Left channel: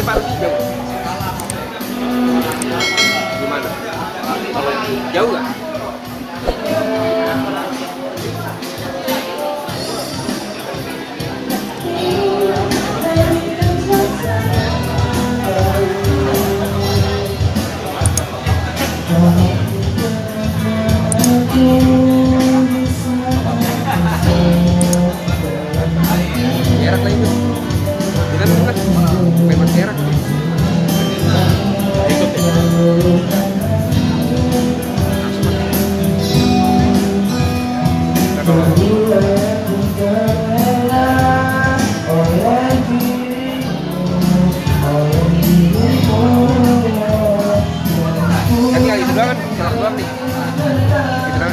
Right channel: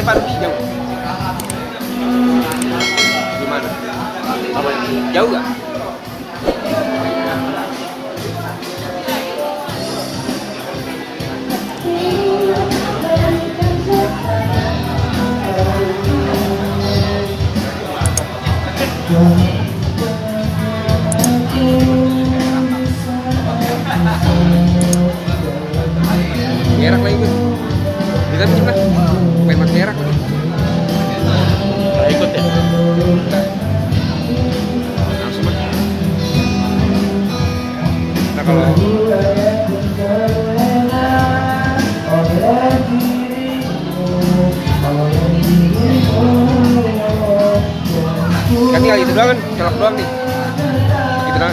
jauh. Jauh nggak? Merah lagi. Kita pernah main merah. Ikut ya. Kan tinggal itu doang kan, jalan doang nih. Gitu kan.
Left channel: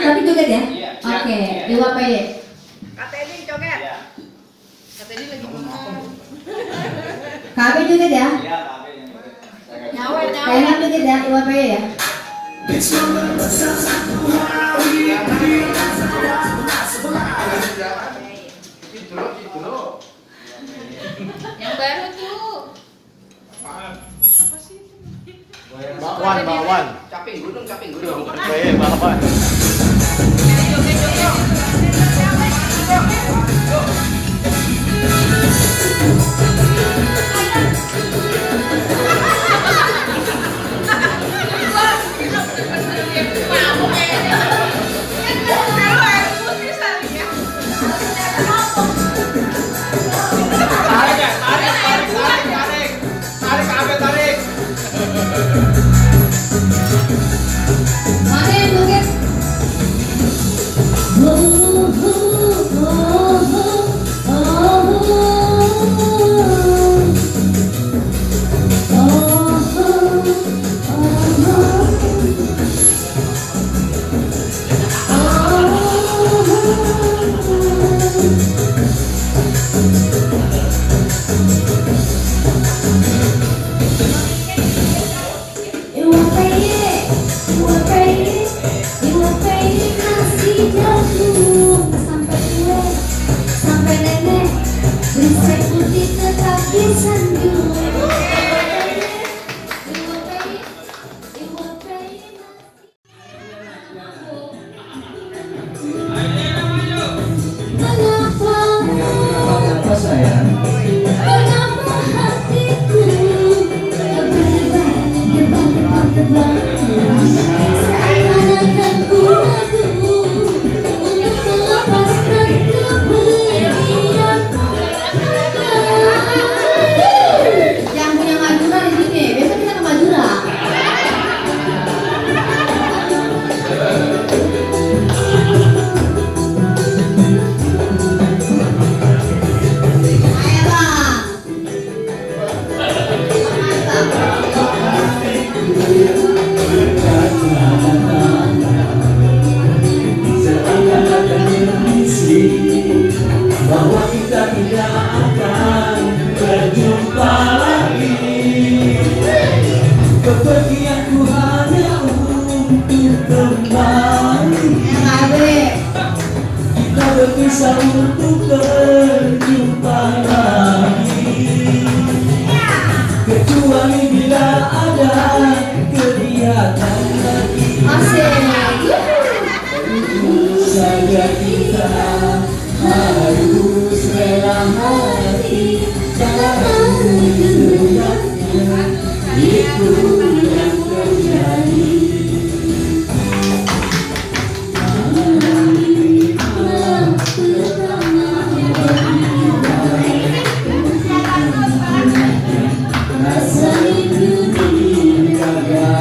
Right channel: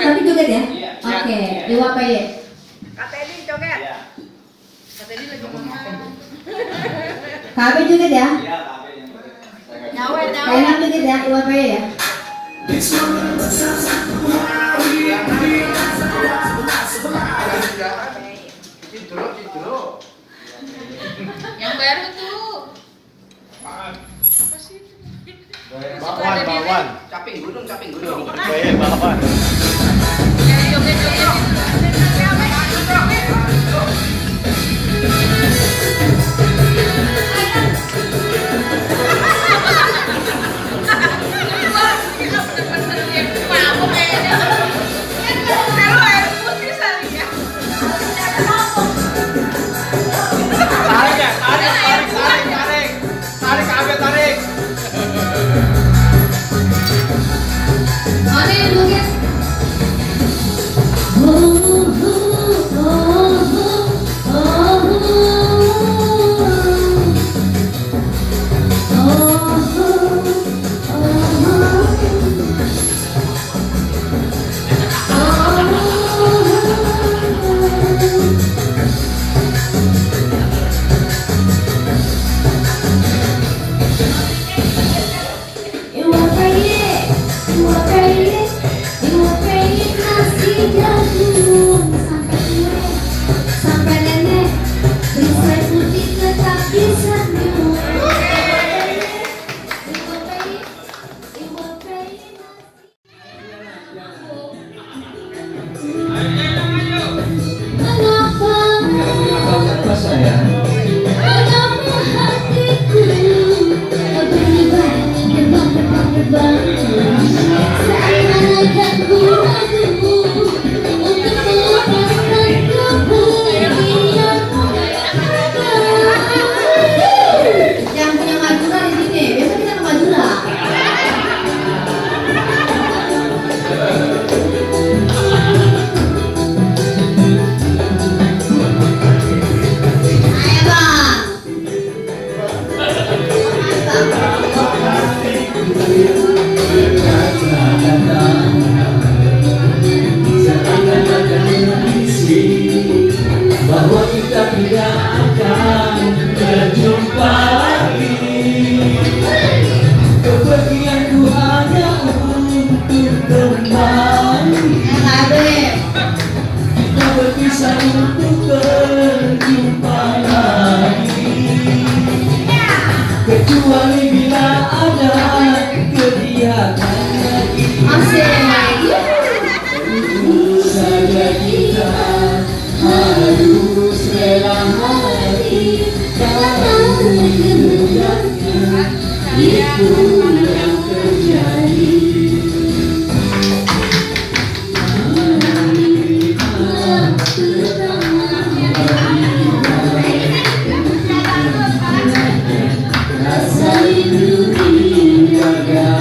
Tapi juga ya? Oke, di WPY. KTD coket. KTD lagi ngomong. KB juga ya? Nyawa. Kayaknya juga ya, di WPY ya? Yang baru tuh. Bakwan. Caping gunung. Bakwan. Tarik. Mana yang joget? Bisa untuk berjumpa lagi. hari sekarang hendaknya itu yang terjadi. Rasa itu dijaga,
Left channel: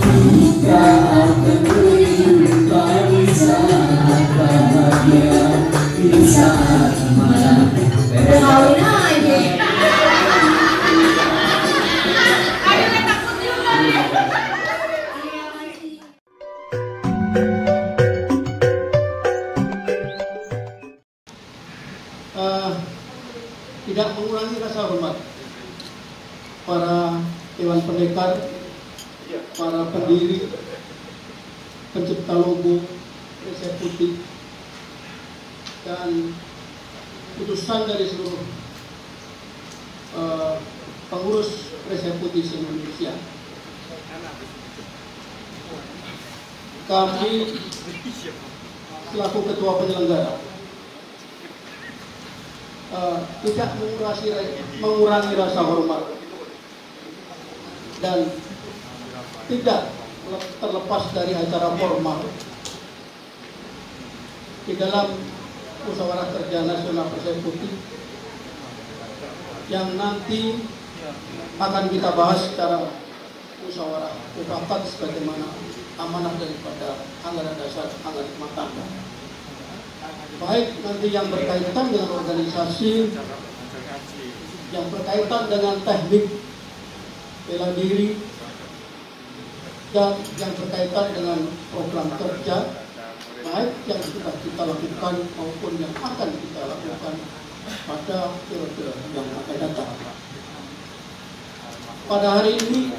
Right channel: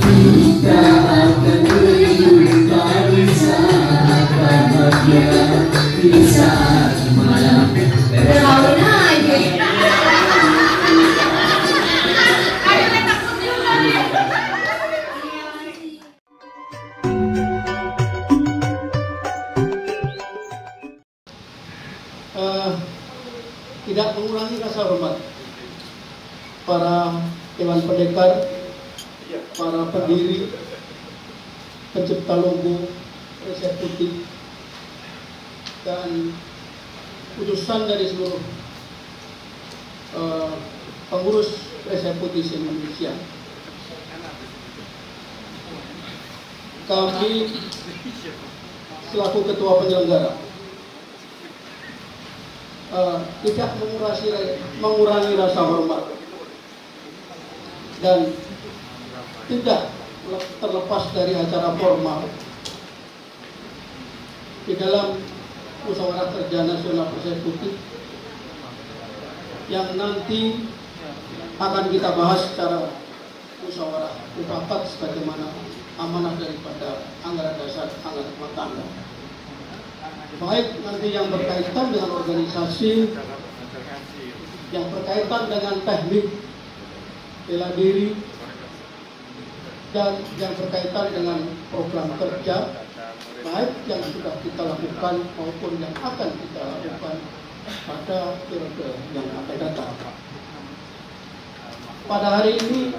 kita akan berjumpa di saat bahagia, di saat malam Berlauin aja. Tidak mengurangi rasa hormat para Dewan Pendekar, para pendiri, pencipta logo Resepsi, dan putusan dari seluruh pengurus Resepsi Indonesia. Kami selaku ketua penyelenggara tidak mengurangi rasa hormat dan tidak terlepas dari acara formal di dalam musyawarah kerja nasional Persekutu yang nanti akan kita bahas secara musyawarah mufakat sebagaimana amanah daripada anggaran dasar anggaran rumah tangga. Baik nanti yang berkaitan dengan organisasi, yang berkaitan dengan teknik bela diri, dan yang berkaitan dengan program kerja, baik yang sudah kita lakukan maupun yang akan kita lakukan pada periode yang akan datang. Pada hari ini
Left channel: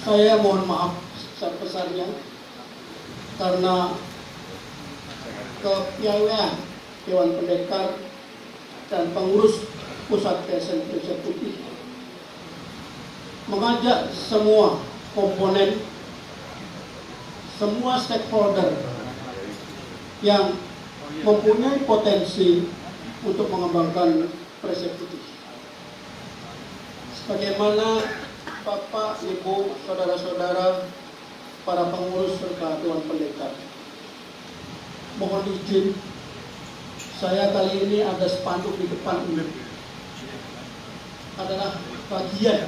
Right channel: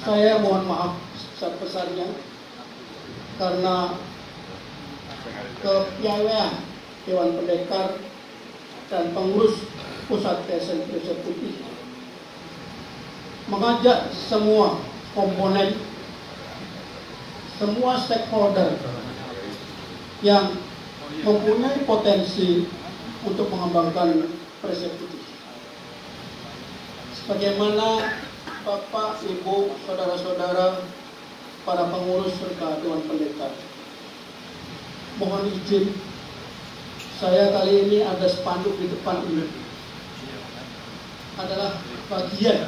saya mohon maaf sebesar-besarnya karena kepiawaian Dewan Pendekar dan pengurus pusat Persekutu mengajak semua komponen, semua stakeholder yang mempunyai potensi untuk mengembangkan Persekutu. Sebagaimana Bapak, Ibu, saudara-saudara, para pengurus serta Dewan Pendekar, mohon izin, saya kali ini ada spanduk di depan ini adalah bagian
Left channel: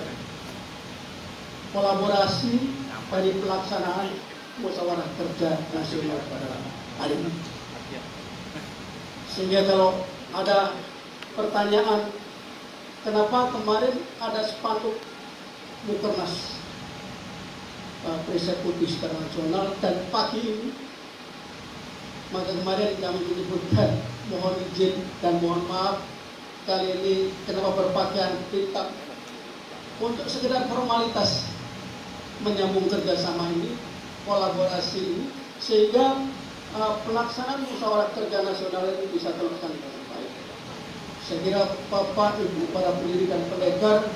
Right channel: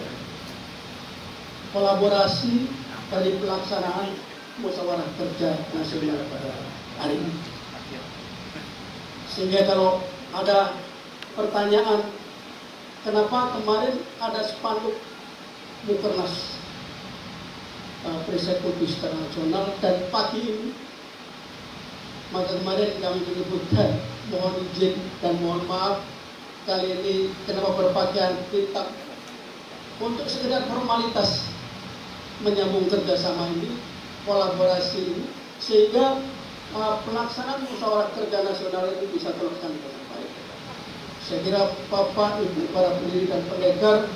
kolaborasi dari pelaksanaan musyawarah kerja nasional pada hari ini. Sehingga kalau ada pertanyaan, kenapa kemarin ada spanduk Mukernas Persekutu secara nasional dan pagi ini, maka kemarin kami menyebutkan mohon izin dan mohon maaf kali ini kenapa berpakaian hitam untuk sekedar formalitas menyambung kerjasama ini, kolaborasi ini, sehingga pelaksanaan musyawarah kerja nasional ini bisa terlaksana dengan baik. Saya kira Bapak, Ibu, para pendiri dan pendekar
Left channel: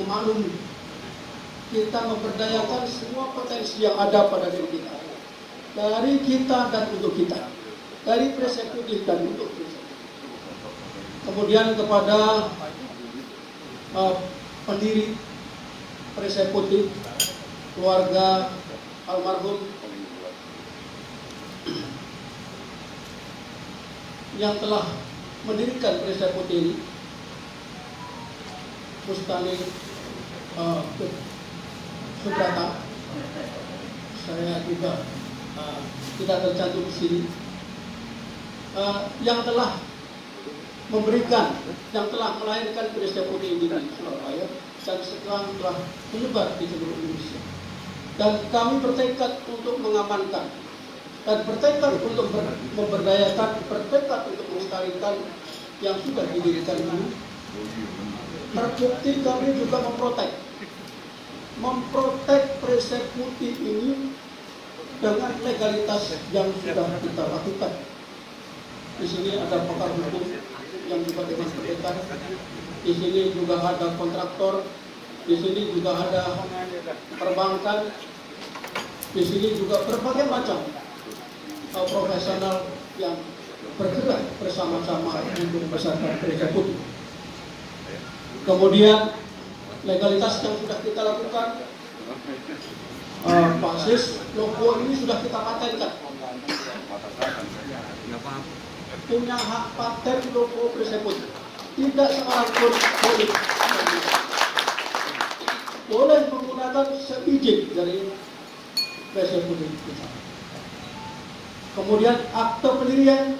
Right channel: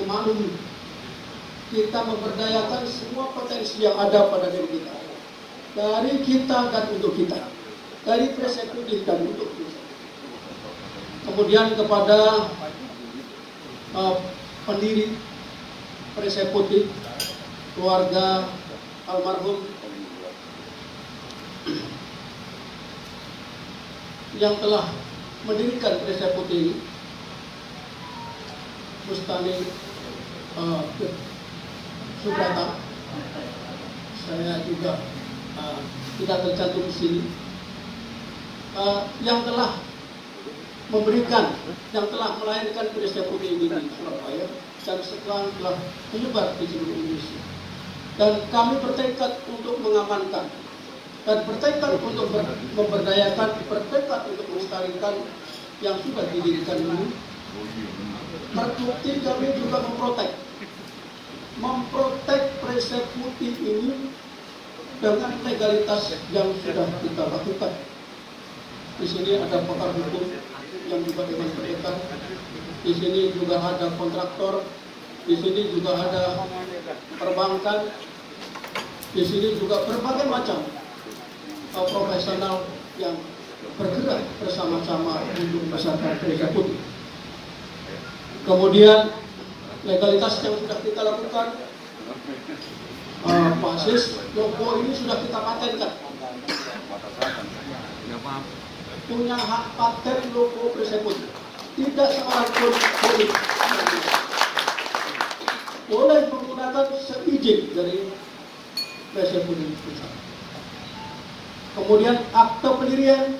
memaklumi kita memberdayakan semua potensi yang ada pada diri kita. Dari kita dan untuk kita, dari Persekutu dan untuk kita. Kemudian kepada pendiri Persekutu, keluarga almarhum yang telah mendirikan Persekutu ini, Bustani Subrata, saya juga tidak tercantum di sini, yang telah memberikan, yang telah melahirkan Persekutu ini di Surabaya dan sekarang telah menyebar di seluruh Indonesia. Dan kami bertekad untuk mengamankan dan bertekad untuk memberdayakan, bertekad untuk melestarikan yang sudah didirikan ini. Terbukti kami juga memprotek Persekutu ini dengan legalitas yang sudah kita lakukan. Di sini ada pakar hukum yang juga Dewan Pendekar, di sini juga ada kontraktor, di sini juga ada perbankan, di sini juga berbagai macam profesional yang bergerak bersama-sama untuk membesarkan Gereja Putih. Kemudian legalitas yang sudah kita lakukan, Pak Sis, logo ini sudah kita patenkan. Punya hak paten logo Gereja Putih. Tidak seorang pun boleh menggunakan seizin dari Gereja Putih. Kemudian akte pendirian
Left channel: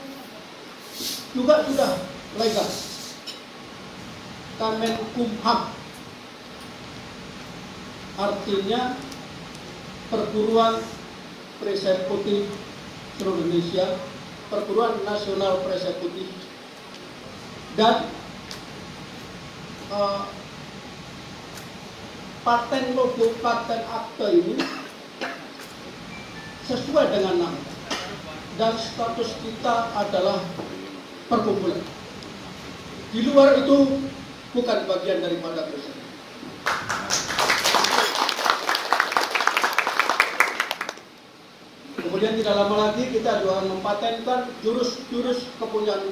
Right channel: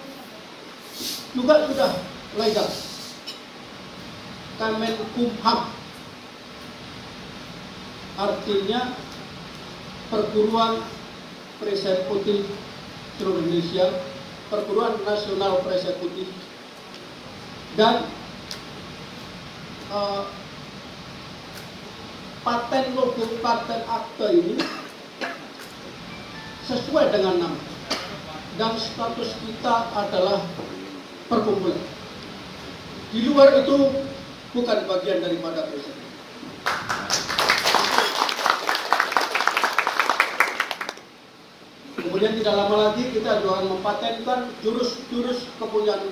juga sudah legal. Kemenkumham, artinya Perguruan Perisai Putih seluruh Indonesia, Perguruan Nasional Perisai Putih, dan paten logo, paten akte ini sesuai dengan nama dan status kita adalah perkumpulan. Di luar itu bukan bagian daripada Presiden. Kemudian tidak lama lagi kita juga akan mempatenkan jurus-jurus kepunyaan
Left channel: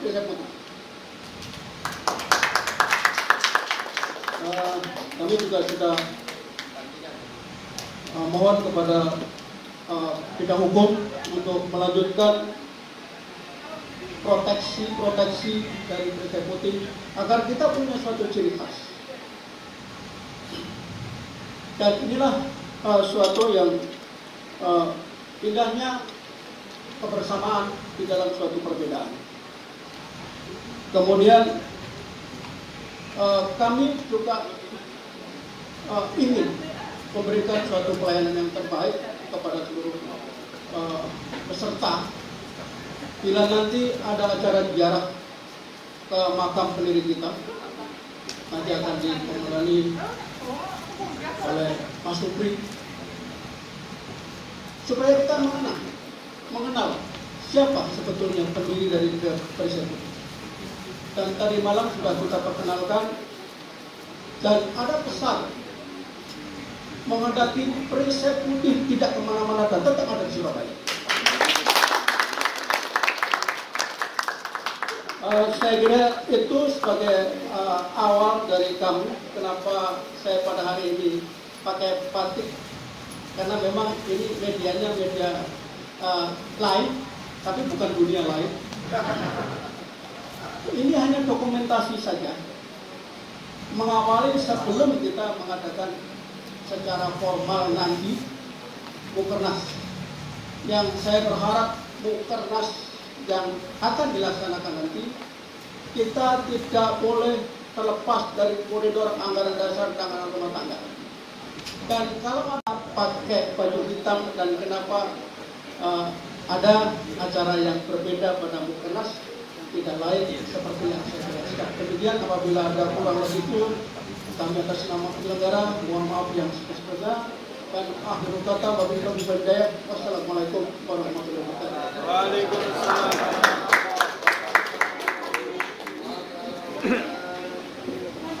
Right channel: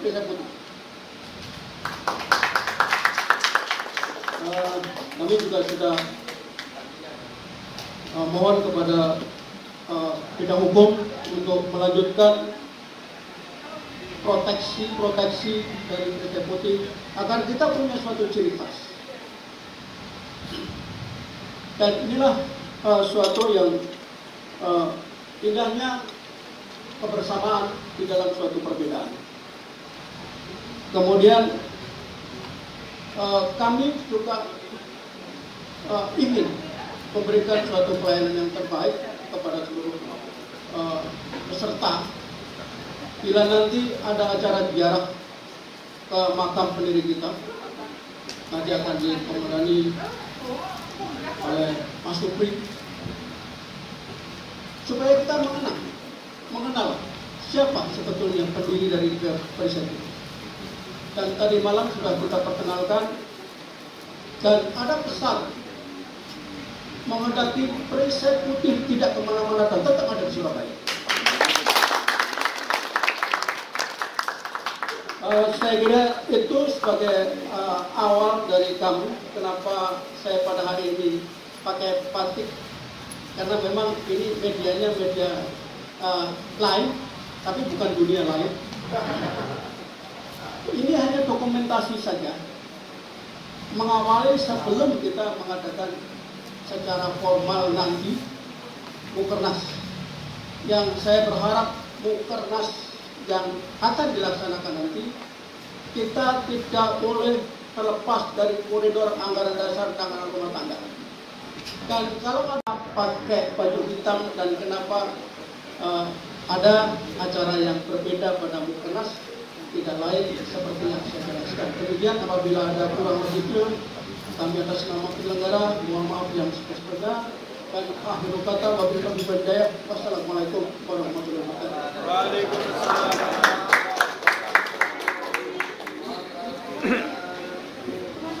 Gereja Putih. Kami juga sudah mohon kepada bidang hukum untuk melanjutkan proteksi dari Gereja Putih agar kita punya suatu ciri khas. Dan inilah suatu yang indahnya kebersamaan di dalam suatu perbedaan. Kemudian kami juga ingin memberikan suatu pelayanan yang terbaik kepada seluruh peserta. Bila nanti ada acara ziarah ke makam pendiri kita, nanti akan dikomandani oleh Mas Supri, supaya kita mengenal siapa sebetulnya pendiri dari Perisai Putih. Dan tadi malam sudah kita perkenalkan, dan ada pesan mengendaki Perisai Putih tidak kemana-mana dan tetap ada di Surabaya. Saya kira itu sebagai awal dari kami, kenapa saya pada hari ini pakai batik, karena memang ini medianya media lain, tapi bukan dunia lain. Ini hanya dokumentasi saja, mengawali sebelum kita mengadakan secara formal nanti Mukernas, yang saya berharap Mukernas yang akan dilaksanakan nanti, kita tidak boleh terlepas dari koridor anggaran dasar dan anggaran rumah tangga. Dan kalau ada pakai baju hitam, dan kenapa ada acara yang berbeda pada Mukernas, tidak lain seperti yang saya jelaskan. Kemudian apabila ada kurang lebih, kami atas nama penyelenggara mohon maaf yang sebesar-besarnya, dan akhir kata wabillahi hidayah. Wassalamualaikum warahmatullahi wabarakatuh. Waalaikumsalam.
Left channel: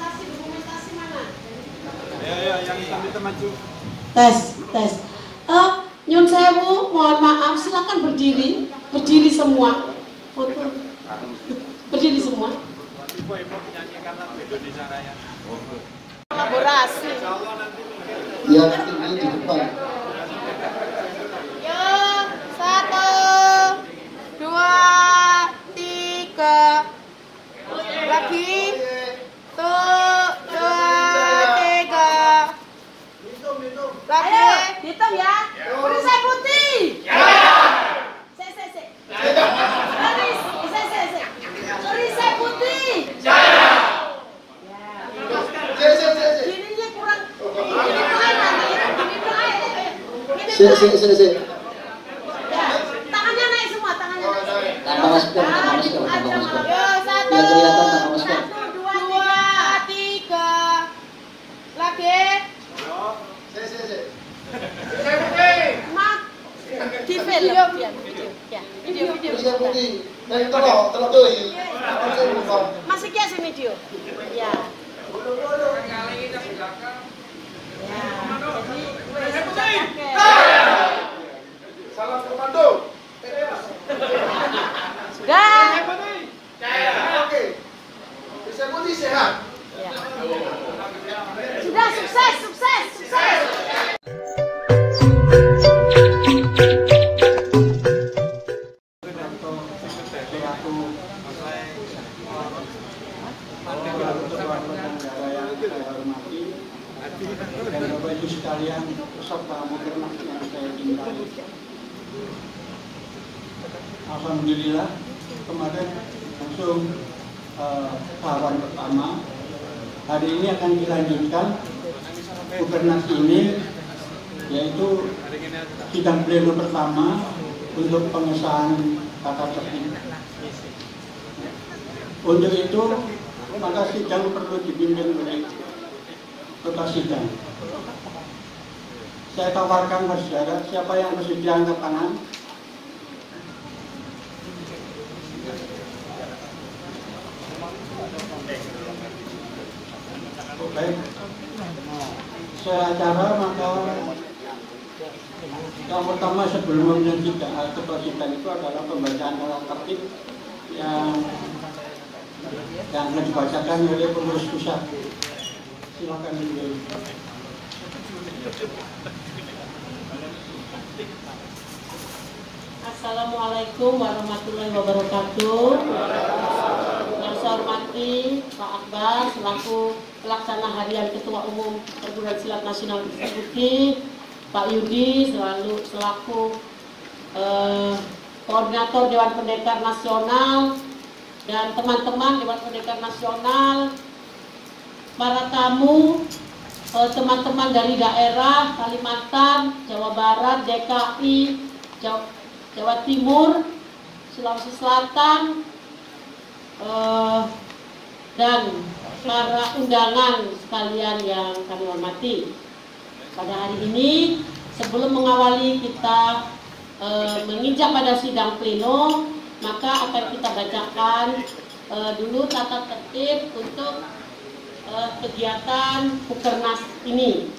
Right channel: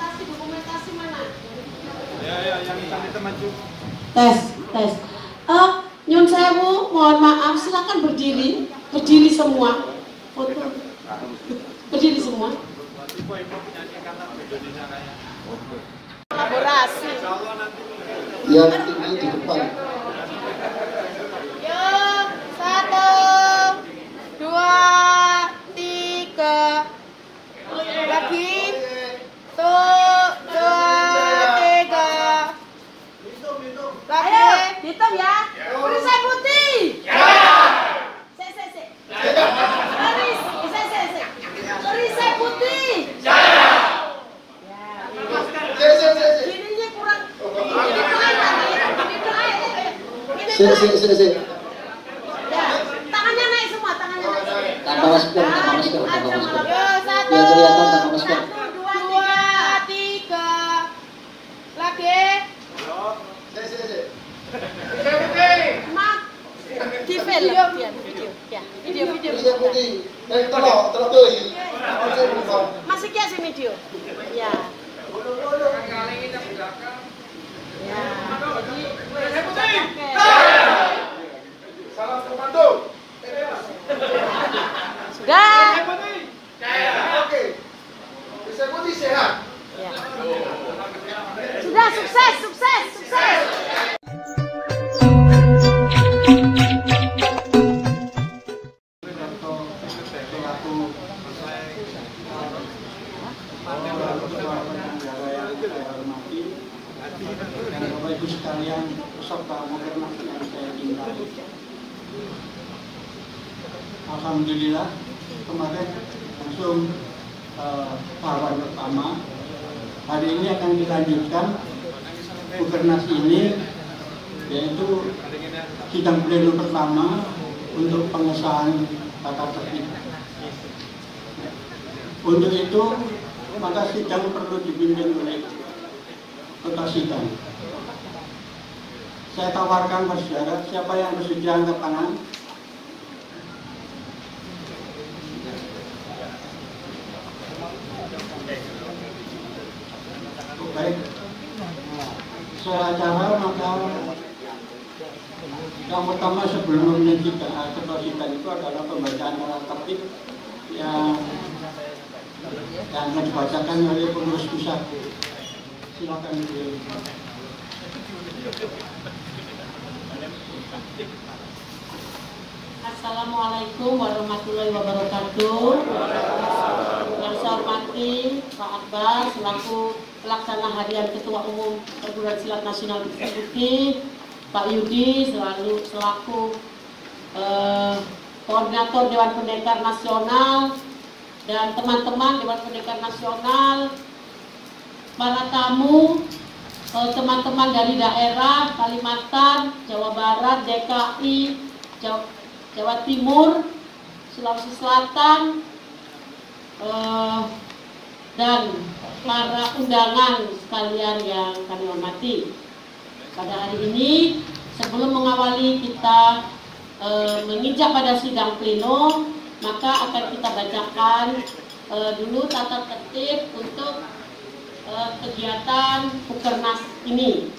Dokumentasi mana? Ya, yang kita maju. Tes. Nyun sewu, mohon maaf, silakan berdiri semua. Berdiri semua. Kolaborasi. Yang tinggi di depan. Ya, 1, 2, 3. Lagi. 2, 3. Lagi. Hitung ya. Perisai Putih. Sek. Perisai Putih. Kirinya kurang. Sek. Tangannya naik semua, tangannya naik. Tangan masker. Biar kelihatan tangan masker. 2, 3. Lagi. Mak. Video. Perisai Putih. Terlalu tuh. Masuknya sini video. Ya. Salam komando. Dah. Oke. Bisa putih sehat. Sudah sukses, sukses, sukses. Bapak Ibu sekalian, peserta Mukernas yang saya cintai. Alhamdulillah kemarin langsung tahapan pertama. Hari ini akan dilanjutkan Mukernas ini, yaitu sidang pleno pertama untuk pengesahan tata tertib. Untuk itu maka sidang perlu dipimpin oleh ketua sidang. Saya tawarkan bersiadat, siapa yang bersedia angkat tangan? Baik, saya acara maka yang pertama sebelum ketua sidang itu adalah pembacaan tata tertib yang akan dibacakan oleh pengurus pusat. Silakan beliau. Assalamualaikum warahmatullahi wabarakatuh. Yang saya hormati Pak Akbar selaku pelaksana harian Ketua Umum Perguruan Silat Nasional Eksekutif, Pak Yudi selaku koordinator Dewan Pendekar Nasional dan teman-teman Dewan Pendekar Nasional, para tamu, teman-teman dari daerah Kalimantan, Jawa Barat, DKI, Jawa Timur, Sulawesi Selatan, dan para undangan sekalian yang kami hormati. Pada hari ini, sebelum mengawali kita menginjak pada sidang pleno, maka akan kita bacakan dulu tata tertib untuk kegiatan Mukernas ini.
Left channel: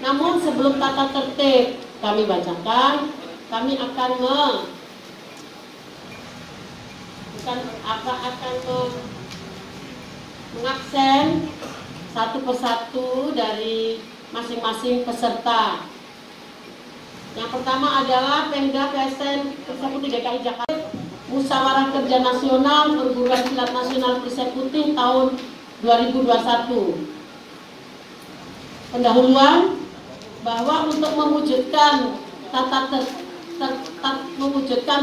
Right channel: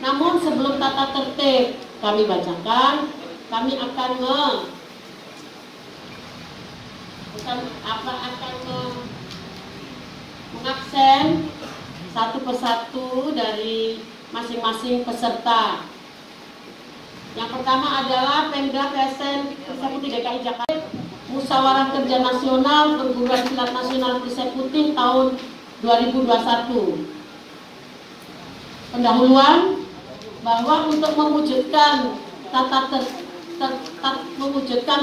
Namun sebelum tata tertib kami bacakan, kami akan mengaksen satu persatu dari masing-masing peserta. Yang pertama adalah Pemda PSN Eksekutif DKI Jakarta, Musyawarah Kerja Nasional Perguruan Silat Nasional Eksekutif tahun 2021. Pendahuluan bahwa untuk mewujudkan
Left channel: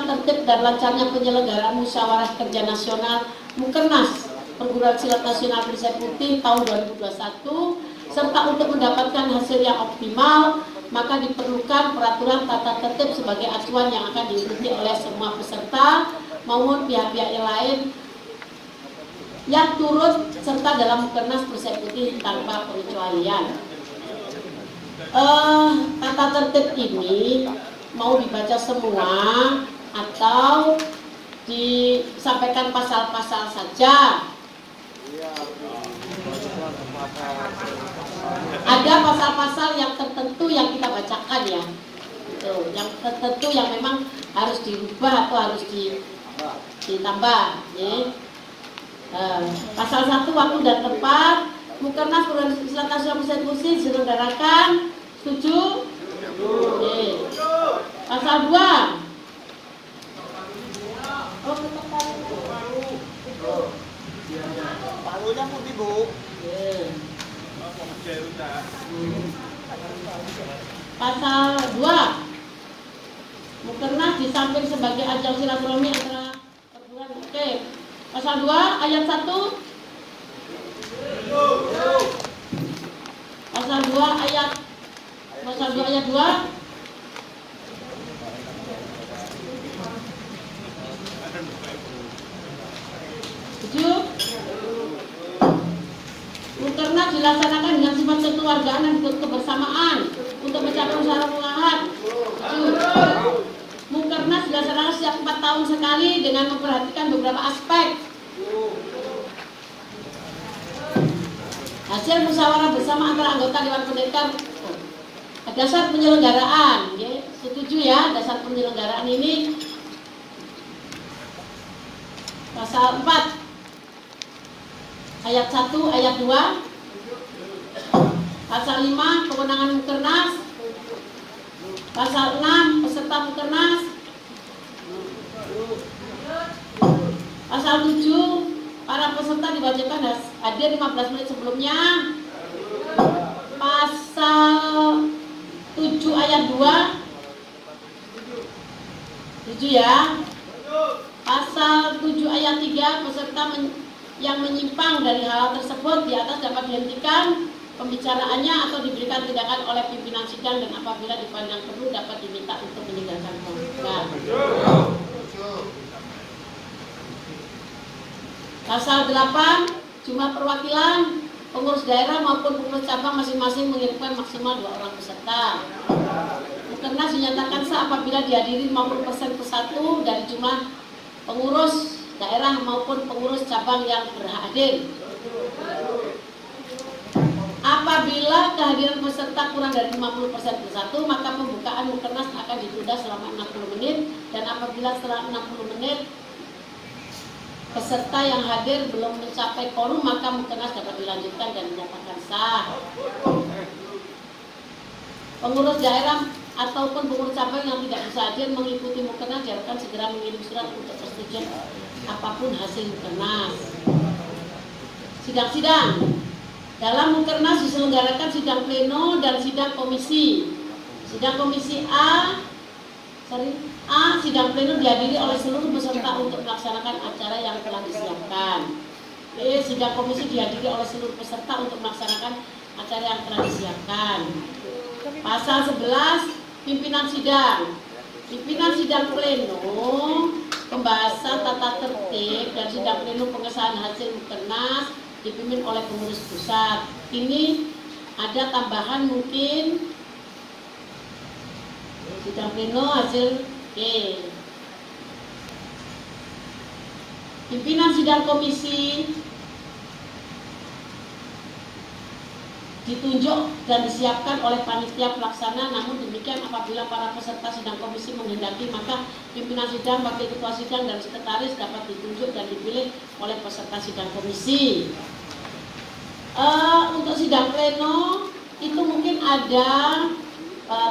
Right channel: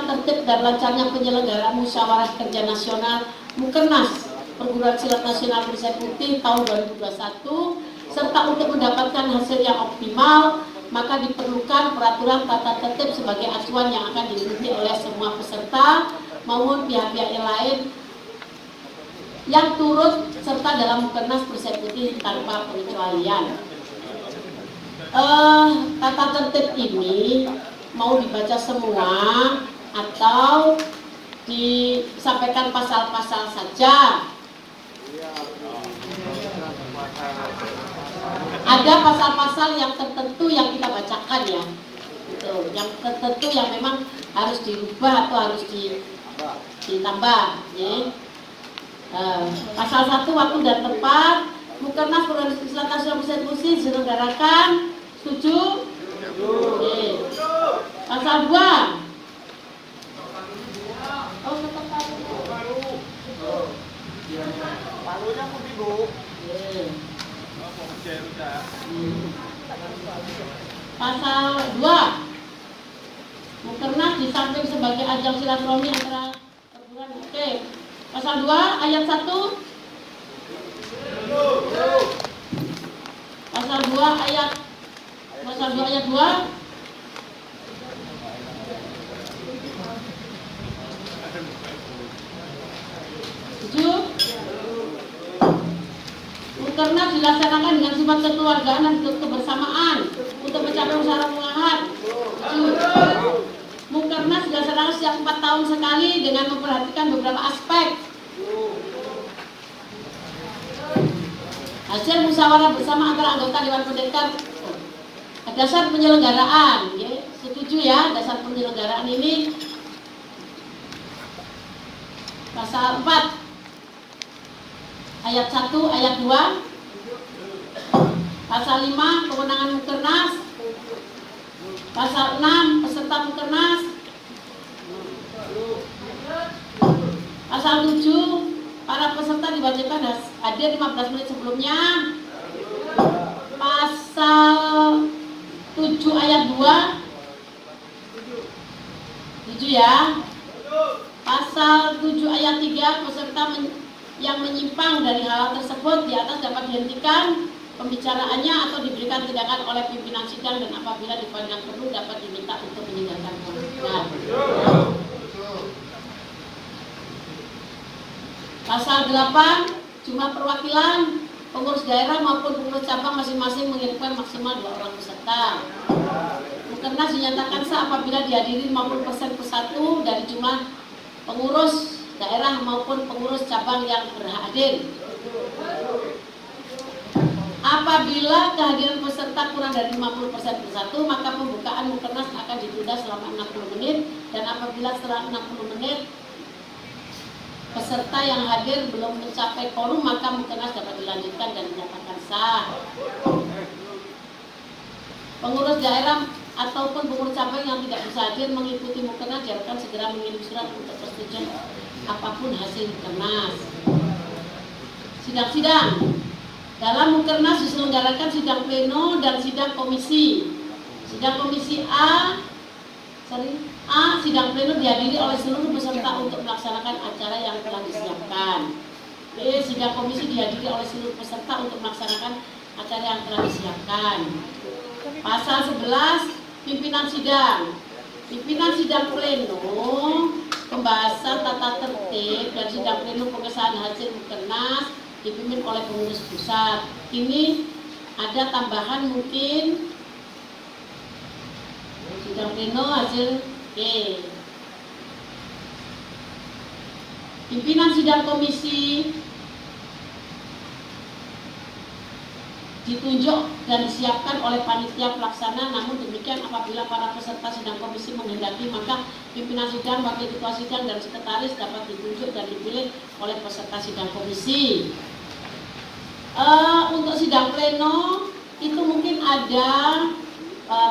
tertib dan lancarnya penyelenggaraan Musyawarah Kerja Nasional Mukernas Perguruan Silat Nasional Eksekutif tahun 2021 serta untuk mendapatkan hasil yang optimal, maka diperlukan peraturan tata tertib sebagai acuan yang akan diikuti oleh semua peserta maupun pihak-pihak yang lain yang turut serta dalam Mukernas Eksekutif tanpa pengecualian. Tata tertib ini mau dibaca semua atau disampaikan pasal-pasal saja? Ada pasal-pasal yang tertentu yang kita bacakan ya, yang tertentu yang memang harus dirubah atau harus ditambah. Ya. Pasal 1 waktu dan tempat Mukernas Perguruan Silat Nasional Eksekutif diselenggarakan. Setuju? Oke. Pasal 2. Pasal 2. Mukernas di samping sebagai ajang silaturahmi antara perguruan. Oke. Pasal 2 ayat 1. Pasal 2 ayat 2. Tujuh. Mukernas dilaksanakan dengan sifat kekeluargaan dan kebersamaan untuk mencapai usaha pengolahan. Mukernas dilaksanakan setiap 4 tahun sekali dengan memperhatikan beberapa aspek. Hasil musyawarah bersama antara anggota Dewan Pendekar. Dasar penyelenggaraan, ya. Setuju ya, dasar penyelenggaraan ini Pasal 4 ayat 1, ayat 2. Pasal 5 kewenangan Mukernas. Pasal 6 peserta Mukernas. Pasal 7 para peserta diwajibkan hadir 15 menit sebelumnya. Pasal 7 ayat 2. 7 ya. Pasal 7 ayat 3 peserta yang menyimpang dari hal tersebut di atas dapat dihentikan pembicaraannya atau diberikan tindakan oleh pimpinan sidang, dan apabila dipandang perlu dapat diminta untuk meninggalkan kerugian. Pasal 8 jumlah perwakilan pengurus daerah maupun pengurus cabang masing-masing mengirimkan maksimal 2 orang peserta. Mukernas dinyatakan sah apabila dihadiri 50% persatu dari jumlah pengurus daerah maupun pengurus cabang yang berhadir. Apabila kehadiran peserta kurang dari 50% persatu, maka pembukaan Mukernas akan ditunda selama 60 menit, dan apabila setelah 60 menit peserta yang hadir belum mencapai quorum, maka Mukernas dapat dilanjutkan dan dinyatakan sah. Pengurus daerah ataupun pengurus cabang yang tidak bisa hadir mengikuti Mukernas diharapkan segera mengirim surat untuk persetujuan apapun hasil Mukernas. Sidang-sidang. Dalam Mukernas diselenggarakan sidang pleno dan sidang komisi. Sidang komisi A, sidang pleno dihadiri oleh seluruh peserta untuk melaksanakan acara yang telah disiapkan. B, sidang komisi dihadiri oleh seluruh peserta untuk melaksanakan acara yang telah disiapkan. Pasal 11, pimpinan sidang. Pimpinan sidang pleno, pembahasan tata tertib dan sidang pleno pengesahan hasil Mukernas dipimpin oleh pengurus pusat. Ini ada tambahan mungkin sidang pleno hasil Pimpinan sidang komisi ditunjuk dan disiapkan oleh panitia pelaksana. Namun demikian, apabila para peserta sidang komisi menghendaki, maka pimpinan sidang, wakil ketua sidang, dan sekretaris dapat ditunjuk dan dipilih oleh peserta sidang komisi. Untuk sidang pleno itu mungkin ada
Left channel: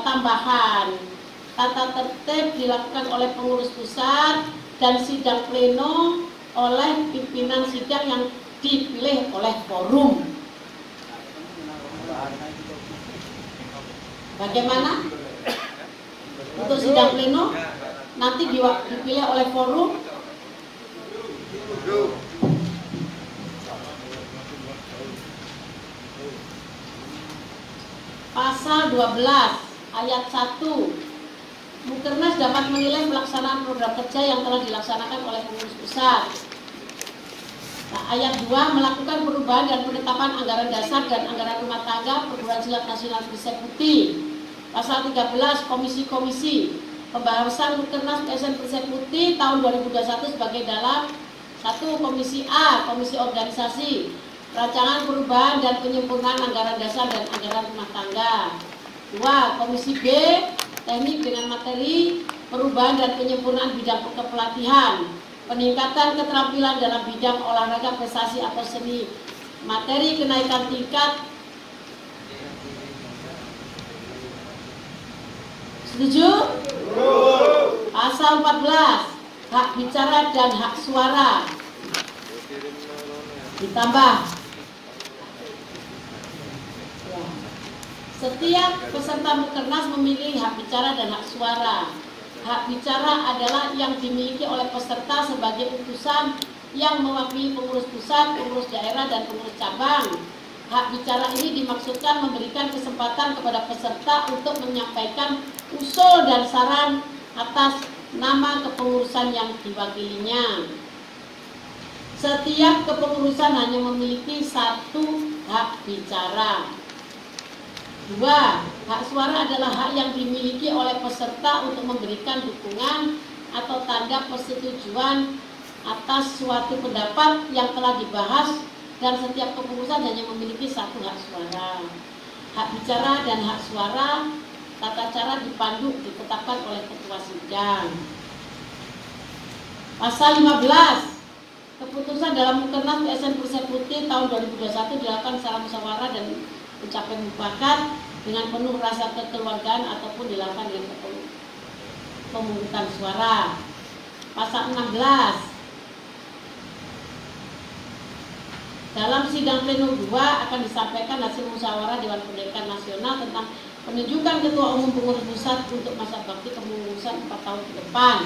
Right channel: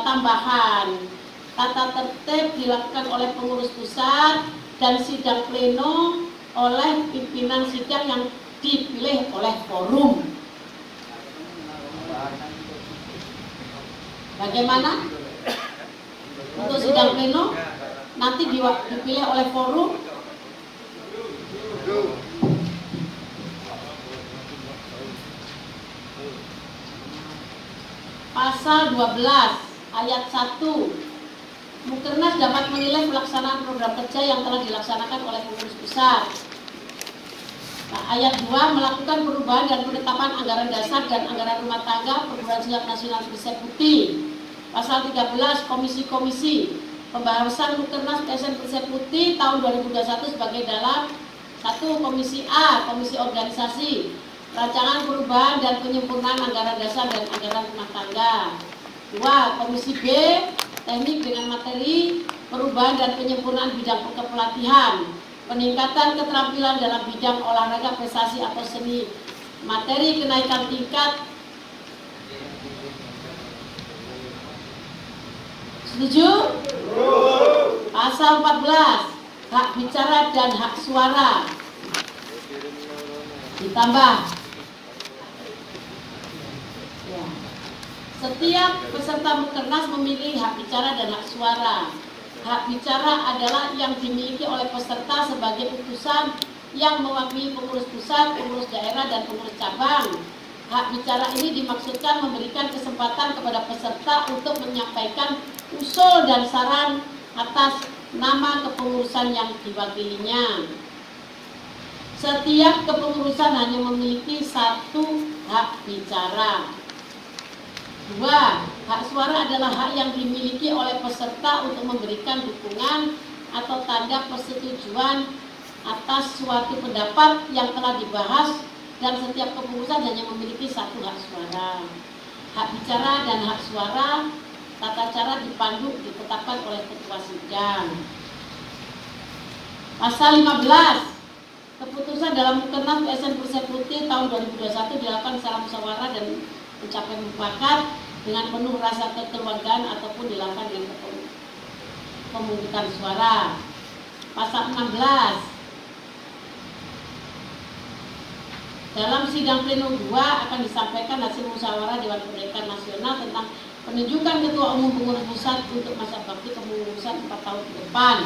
tambahan. Tata tertib dilakukan oleh pengurus pusat dan sidang pleno oleh pimpinan sidang yang dipilih oleh forum. Bagaimana? Untuk sidang pleno nanti dipilih oleh forum. Pasal 12 ayat 1, Mukernas dapat menilai pelaksanaan program kerja yang telah dilaksanakan oleh pengurus pusat. Ayat 2, melakukan perubahan dan penetapan anggaran dasar dan anggaran rumah tangga perguruan silat nasional Berisik Putih. Pasal 13, komisi-komisi. Pembahasan Mukernas PSN Berisik Putih tahun 2021 sebagai dalam 1. Komisi A, komisi organisasi, rancangan perubahan dan penyempurnaan anggaran dasar dan anggaran rumah tangga. 2. Komisi B, teknik dengan materi, perubahan dan penyempurnaan bidang kepelatihan, peningkatan keterampilan dalam bidang olahraga, prestasi atau seni, materi kenaikan tingkat. Setuju? Pasal 14, hak bicara dan hak suara. Ditambah, setiap peserta Mukernas memiliki hak bicara dan hak suara. Hak bicara adalah yang dimiliki oleh peserta sebagai utusan yang mewakili pengurus pusat, pengurus daerah, dan pengurus cabang. Hak bicara ini dimaksudkan memberikan kesempatan kepada peserta untuk menyampaikan usul dan saran atas nama kepengurusan yang diwakilinya. Setiap kepengurusan hanya memiliki satu hak bicara. 2. Hak suara adalah hak yang dimiliki oleh peserta untuk memberikan dukungan atau tanda persetujuan atas suatu pendapat yang telah dibahas, dan setiap kepengurusan hanya memiliki satu hak suara. Hak bicara dan hak suara, tata cara dipandu ditetapkan oleh ketua sidang. Pasal 15, Keputusan dalam Mukernas PSN Persekuti tahun 2021 dilakukan secara musyawarah dan mencapai mufakat dengan penuh rasa kekeluargaan ataupun dilakukan dengan pemungutan suara. Pasal 16. Dalam sidang pleno 2 akan disampaikan hasil musyawarah Dewan Pendidikan Nasional tentang penunjukan Ketua Umum Pengurus Pusat untuk masa bakti kepengurusan 4 tahun ke depan.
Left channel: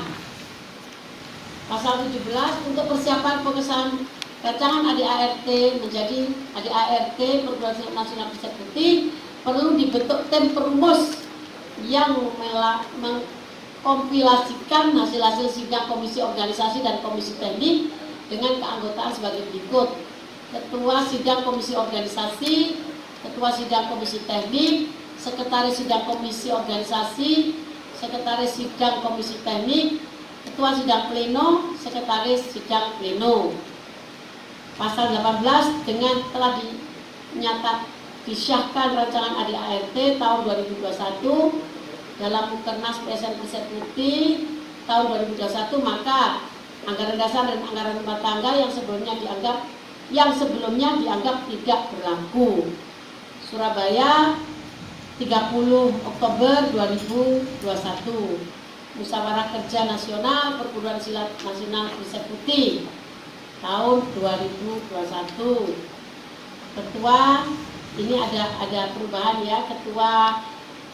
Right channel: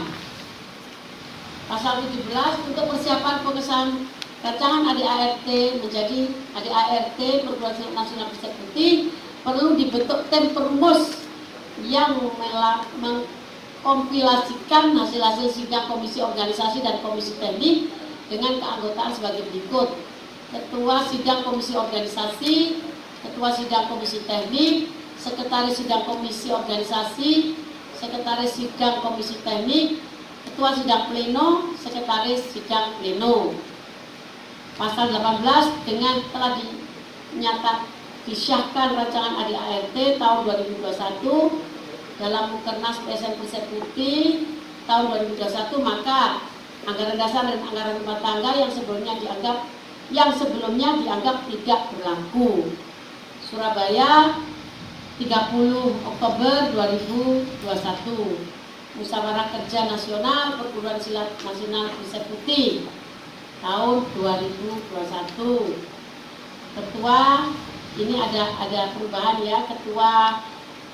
Pasal 17 untuk persiapan pengesahan rancangan ADART menjadi ADART Perguruan Silat Nasional Persekuti perlu dibentuk tim perumus yang mengkompilasikan hasil-hasil sidang komisi organisasi dan komisi teknik dengan keanggotaan sebagai berikut: Ketua Sidang Komisi Organisasi, Ketua Sidang Komisi Teknik, Sekretaris Sidang Komisi Organisasi, Sekretaris Sidang Komisi Teknik, Ketua Sidang Pleno, Sekretaris Sidang Pleno. Pasal 18 dengan telah disahkan rancangan ADART tahun 2021 dalam Mukernas PSN Persekuti tahun 2021, maka anggaran dasar dan anggaran rumah tangga yang sebelumnya dianggap tidak berlaku. Surabaya 30 Oktober 2021. Musyawarah Kerja Nasional Perguruan Silat Nasional Persekuti tahun 2021. Ketua, ini ada perubahan ya, Ketua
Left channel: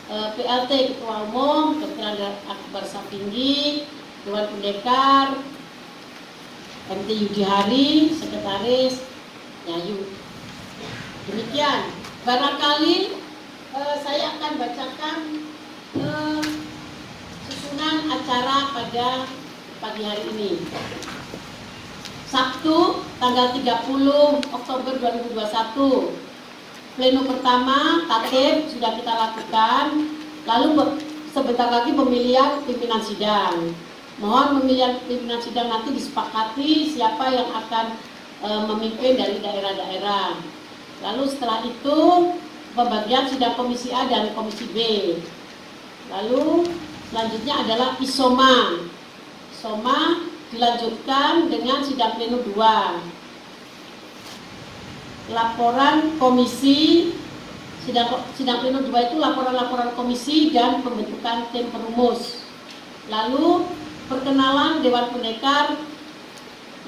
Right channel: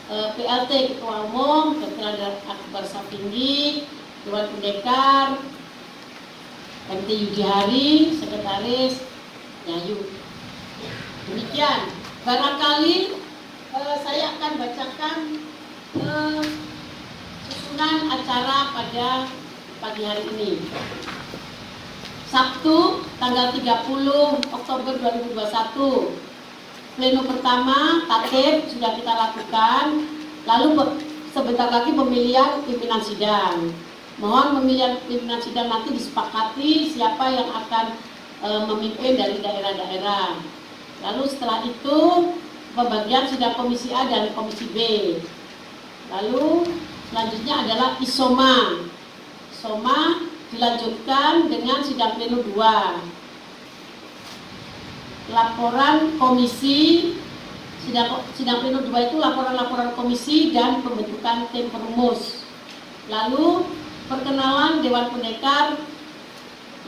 PLT Ketua Umum Dr. Akbar Sapinggi, Dewan Pendekar MT Yudi Hari, Sekretaris Yayu. Demikian, barangkali saya akan bacakan susunan acara pada pagi hari ini. Sabtu tanggal 30 Oktober 2021. Pleno pertama tatib sudah kita lakukan. Lalu sebentar lagi pemilihan pimpinan sidang. Mohon pemilihan pimpinan sidang nanti disepakati siapa yang akan memimpin dari daerah-daerah. Lalu setelah itu pembagian sidang komisi A dan komisi B. Lalu selanjutnya adalah isoma. Isoma dilanjutkan dengan sidang pleno 2. Laporan komisi, sidang pleno 2 itu laporan-laporan komisi dan pembentukan tim perumus. Lalu perkenalan Dewan Pendekar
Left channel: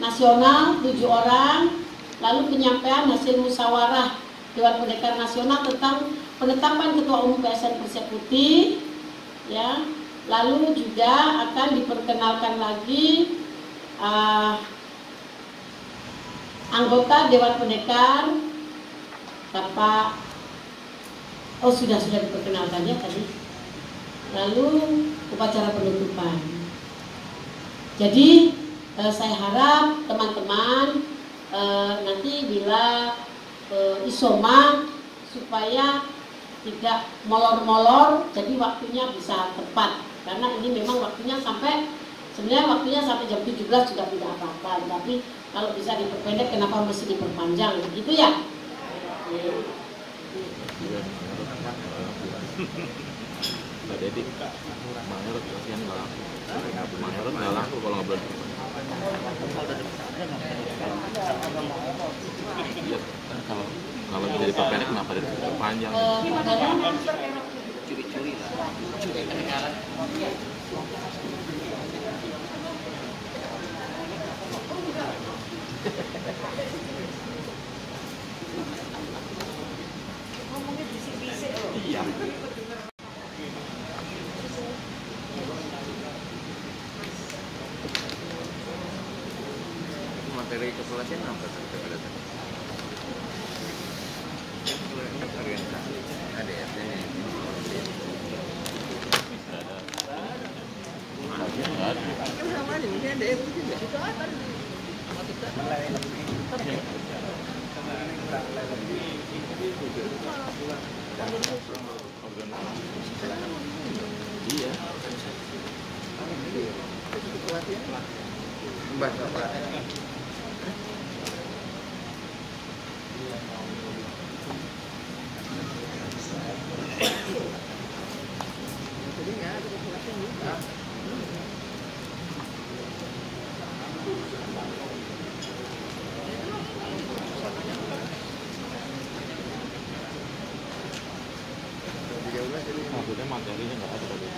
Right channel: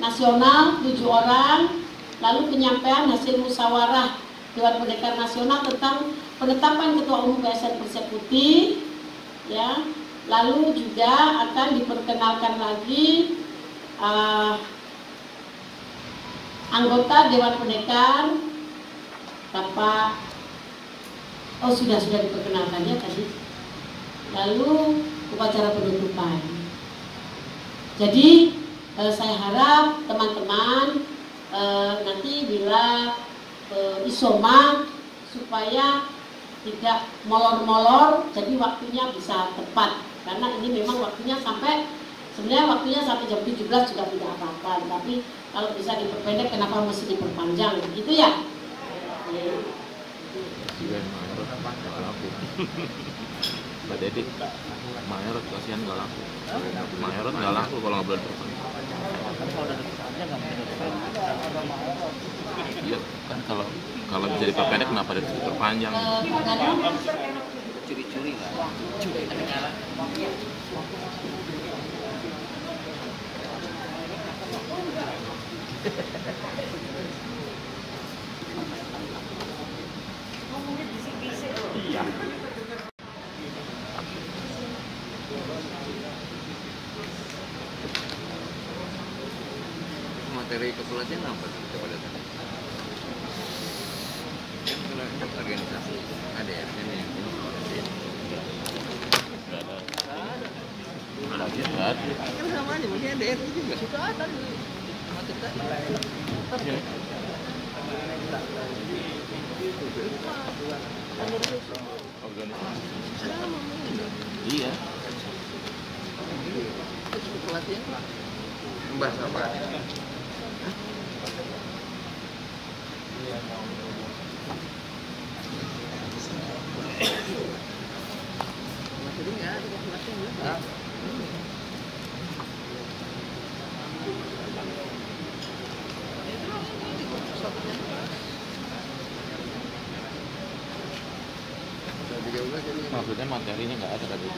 Nasional 7 orang. Lalu penyampaian hasil musyawarah Dewan Pendekar Nasional tentang penetapan Ketua Umum PSN Persekuti, ya. Lalu juga akan diperkenalkan lagi anggota Dewan Pendekar, Bapak. Oh, sudah diperkenalkan ya tadi. Lalu upacara penutupan. Jadi saya harap teman-teman nanti bila isoma supaya tidak molor-molor, jadi waktunya bisa tepat. Karena ini memang waktunya sebenarnya waktunya sampai jam 17 juga tidak apa-apa. Tapi kalau bisa diperpendek, kenapa mesti diperpanjang? Gitu ya. Kak Deddy, Manurut kasihan nggak laku. Manurut nggak laku kalau ngobrol. Iya, kan kalau bisa diperpendek kenapa diperpanjang? Curi-curi lah. Iya. Materi kepelatihan apa sih kepelatihan? Organisasi ada ya? Iya. materinya nggak ada tadi.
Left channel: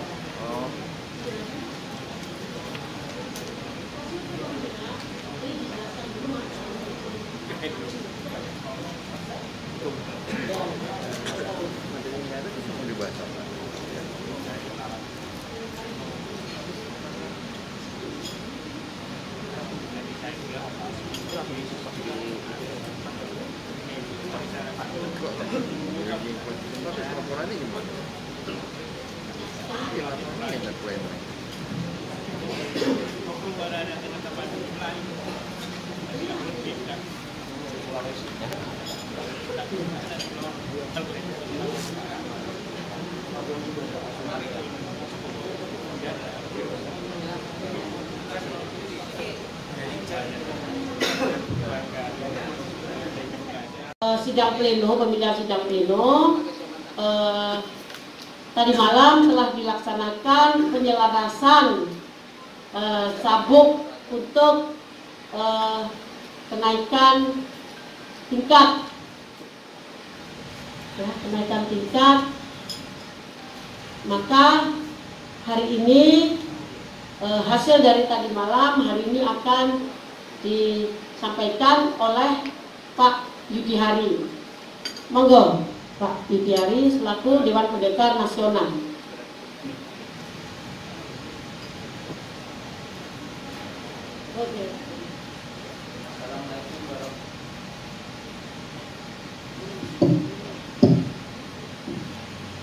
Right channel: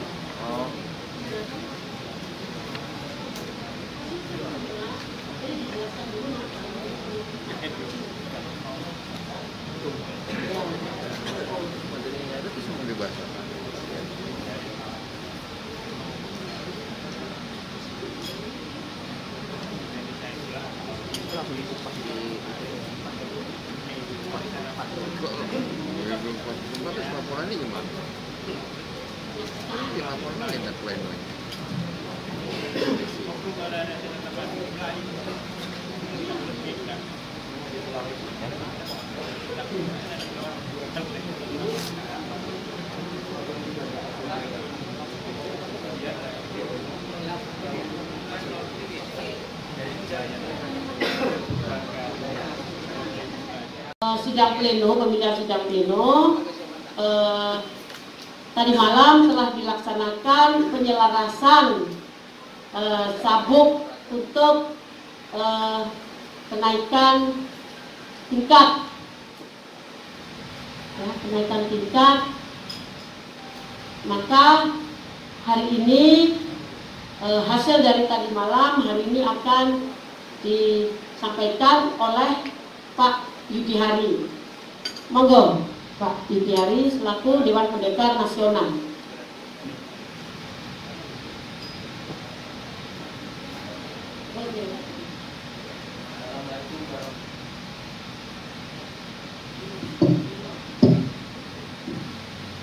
Sidang pleno, pemilihan sidang pleno tadi malam telah dilaksanakan penyelarasan sabuk untuk kenaikan tingkat, maka hari ini hasil dari tadi malam hari ini akan disampaikan oleh Pak Yudi Hari. Monggo Pak Yudi Hari selaku Dewan Pendekar Nasional.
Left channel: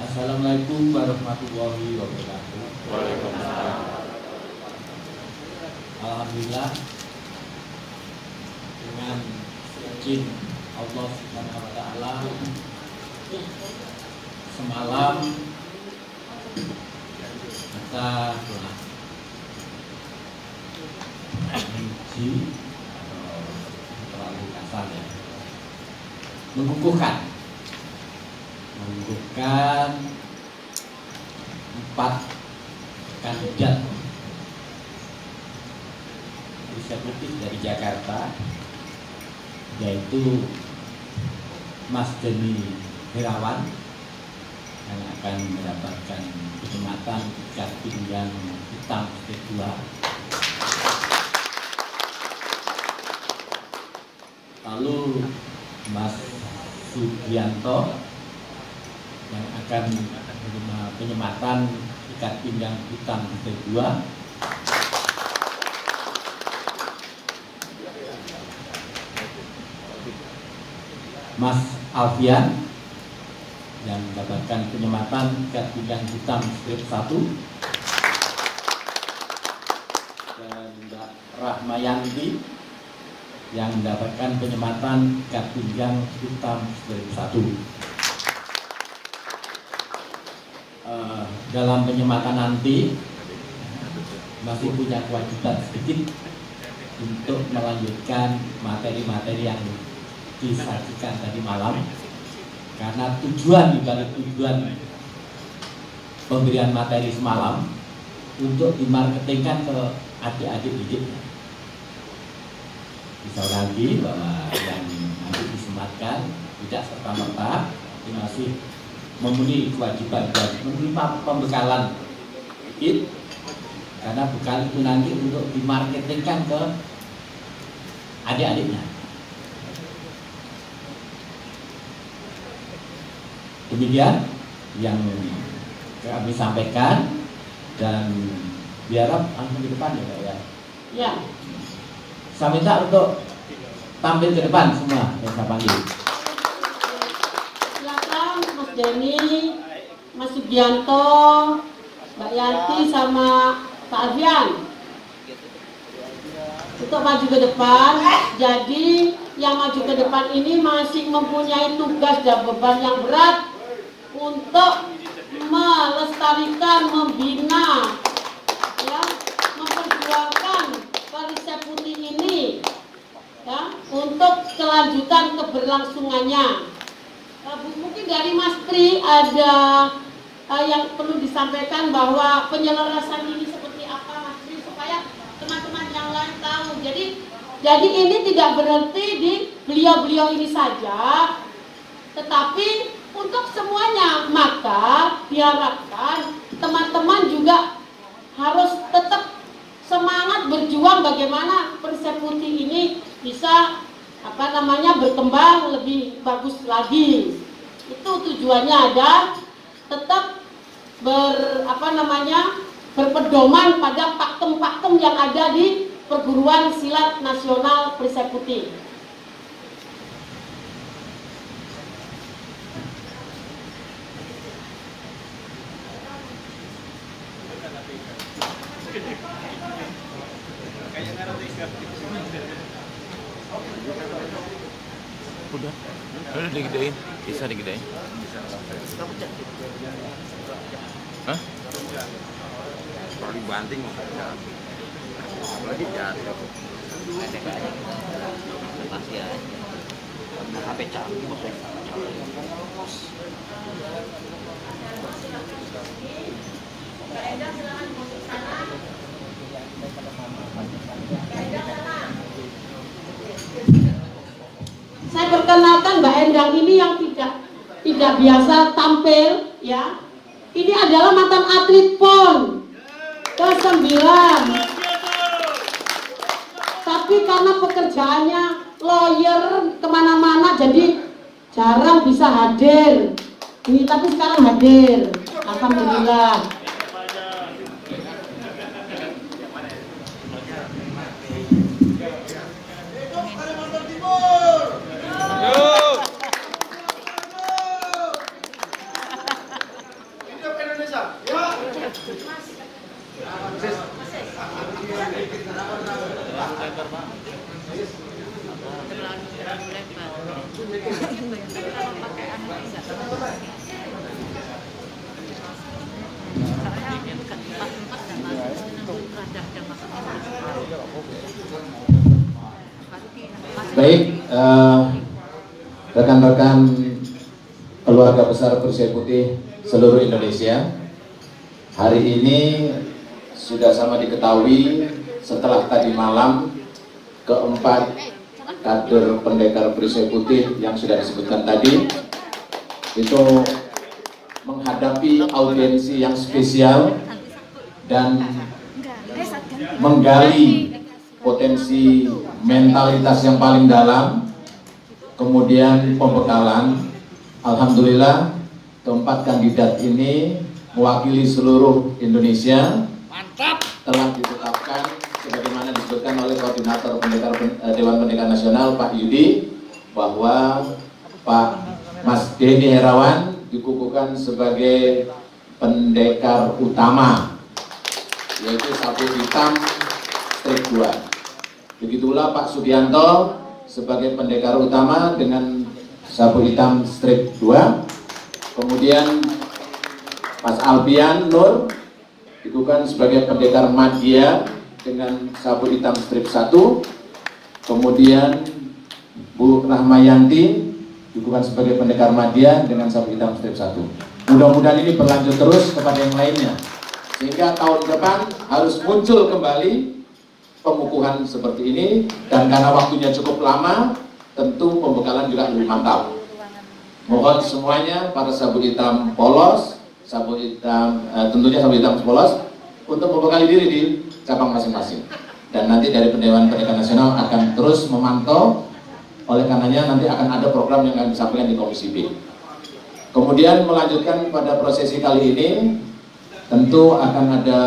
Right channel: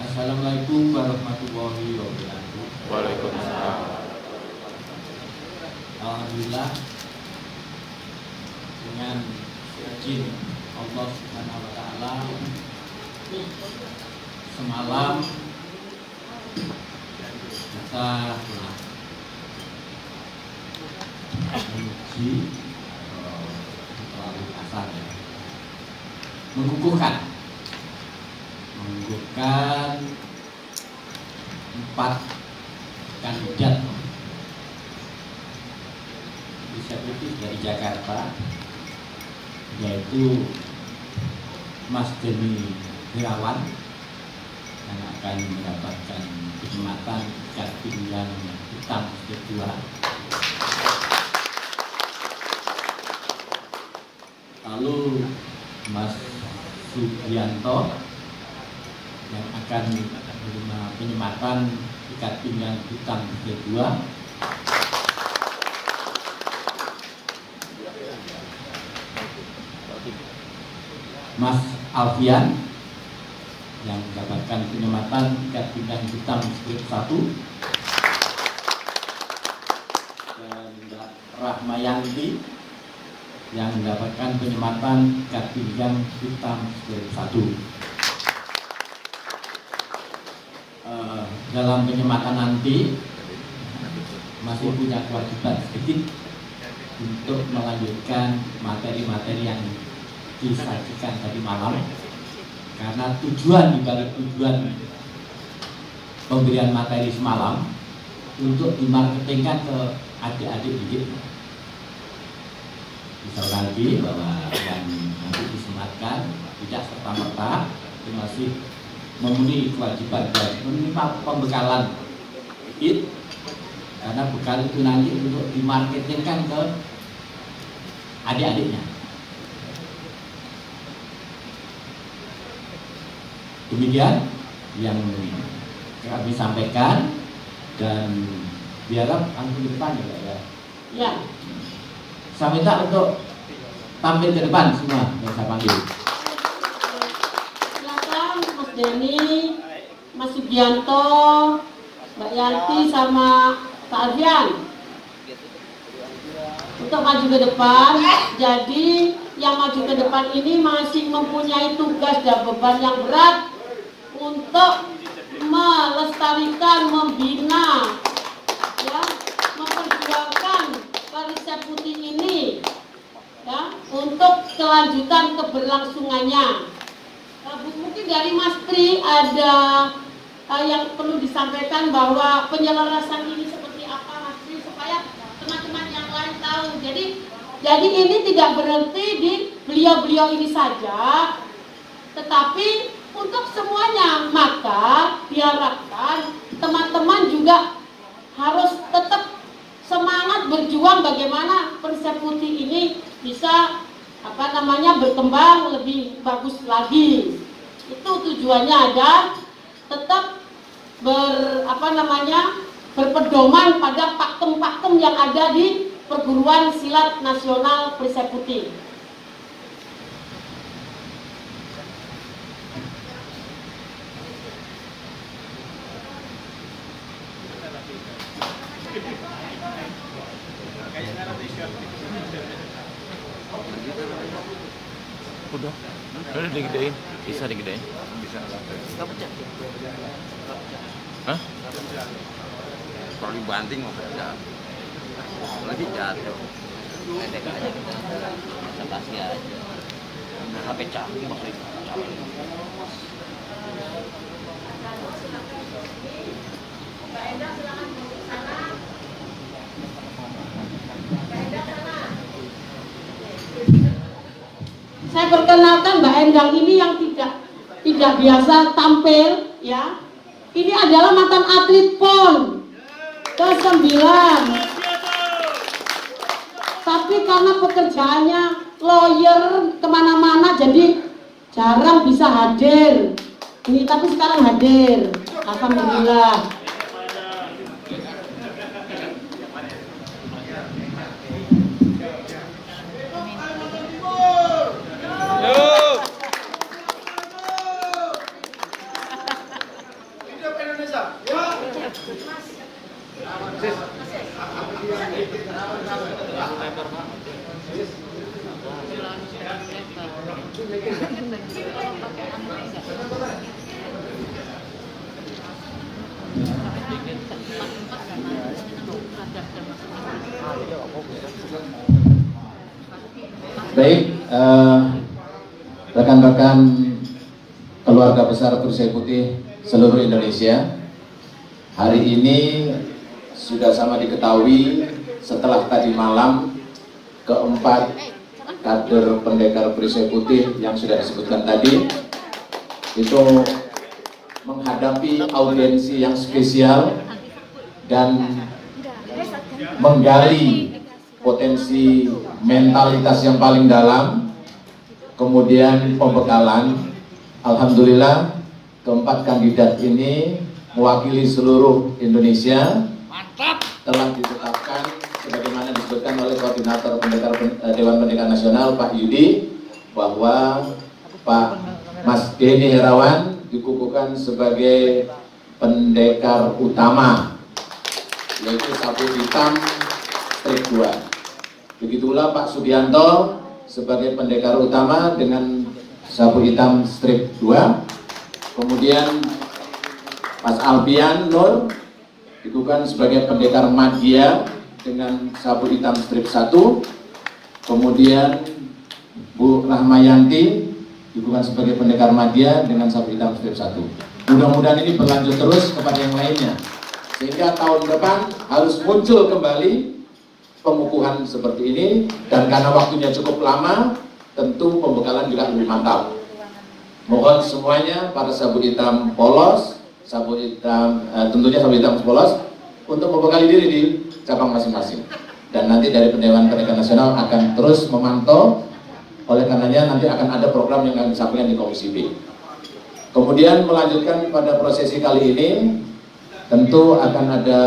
Assalamualaikum warahmatullahi wabarakatuh. Waalaikumsalam. Alhamdulillah, dengan izin Allah Subhanahu wa Ta'ala, semalam kita menguji mengukuhkan 4 kandidat disabilitas dari Jakarta, yaitu Mas Denny Herawan yang akan mendapatkan kenikmatan ikat pinggang hitam kedua. Lalu Mas Sugianto yang akan menerima penyematan ikat pinggang hitam kedua. Mas Alfian yang mendapatkan penyematan ikat pinggang hitam strip 1. Dan Rahmayanti yang mendapatkan penyematan ikat pinggang hitam strip 1. Dalam penyematan nanti masih punya kewajiban sedikit untuk melanjutkan materi-materi yang disaksikan tadi malam, karena tujuan pemberian materi semalam untuk dimarketingkan ke adik-adik didik. Bisa lagi bahwa yang nanti disematkan tidak serta-merta masih memenuhi kewajiban dan menerima pembekalan it, karena bekal itu nanti untuk dimarketingkan ke adik-adiknya. Demikian yang kami sampaikan dan diharap langsung di depan ya Pak ya. Ya. Saya minta untuk tampil ke depan semua yang saya panggil. Silakan Mas Denny, Mas Sugianto, Mbak Yanti sama Pak Adrian untuk maju ke depan. Jadi yang maju ke depan ini masih mempunyai tugas dan beban yang berat untuk melestarikan, membina, ya, memperjuangkan Garis Putih ini, ya, untuk kelanjutan keberlangsungannya. Mungkin dari Mas Pri ada yang perlu disampaikan bahwa penyelarasan ini seperti apa Mas Pri, supaya teman-teman yang lain tahu. Jadi ini tidak berhenti di beliau-beliau ini saja, tetapi untuk semuanya. Maka diharapkan teman-teman juga harus tetap semangat berjuang bagaimana Perseputih ini bisa berkembang lebih bagus lagi. Itu tujuannya ada tetap berpedoman pada pakem-pakem yang ada di perguruan silat nasional Perseputih. Udah digedein, bisa digedein. Hah? Kalau dibanting lagi jatuh. Pendek aja kita pasti aja. HP canggih Mbak Endah silakan masuk sana. Mbak Endah sana. Saya perkenalkan Mbak Endang ini yang tidak biasa tampil, ya. Ini adalah mantan atlet PON ke-9. Tapi karena pekerjaannya lawyer kemana-mana, jadi jarang bisa hadir. Ini tapi sekarang hadir. Alhamdulillah. Baik, rekan-rekan keluarga besar Perseputih seluruh Indonesia, hari ini sudah sama diketahui setelah tadi malam keempat kader pendekar Perseputih yang sudah disebutkan tadi itu menghadapi audiensi yang spesial dan menggali potensi mentalitas yang paling dalam, kemudian pembekalan. Alhamdulillah keempat kandidat ini mewakili seluruh Indonesia. Mantap. Telah ditetapkan sebagaimana disebutkan oleh koordinator Dewan Pendekar Nasional Pak Yudi, bahwa Pak Mas Denny Herawan dikukuhkan sebagai pendekar utama, yaitu sabuk hitam strik 2. Begitulah Pak Sugianto sebagai pendekar utama dengan sabuk hitam strik 2. Kemudian Mas Alfian Nur dikukuhkan sebagai pendekar Madya dengan sabuk hitam strik 1. Kemudian Bu Rahmayanti dikukuhkan sebagai pendekar Madya dengan sabuk hitam strik 1. Mudah-mudahan ini berlanjut terus kepada yang lainnya, sehingga tahun depan harus muncul kembali pengukuhan seperti ini. Dan karena waktunya cukup lama, tentu pembekalan juga lebih mantap. Mohon semuanya pada sabuk hitam polos, sabuk hitam tentunya sabuk hitam polos untuk membekali diri di cabang masing-masing. Dan nanti dari Dewan Pendekar Nasional akan terus memantau. Oleh karenanya nanti akan ada program yang akan disampaikan di Komisi B. Kemudian melanjutkan pada prosesi kali ini, tentu akan ada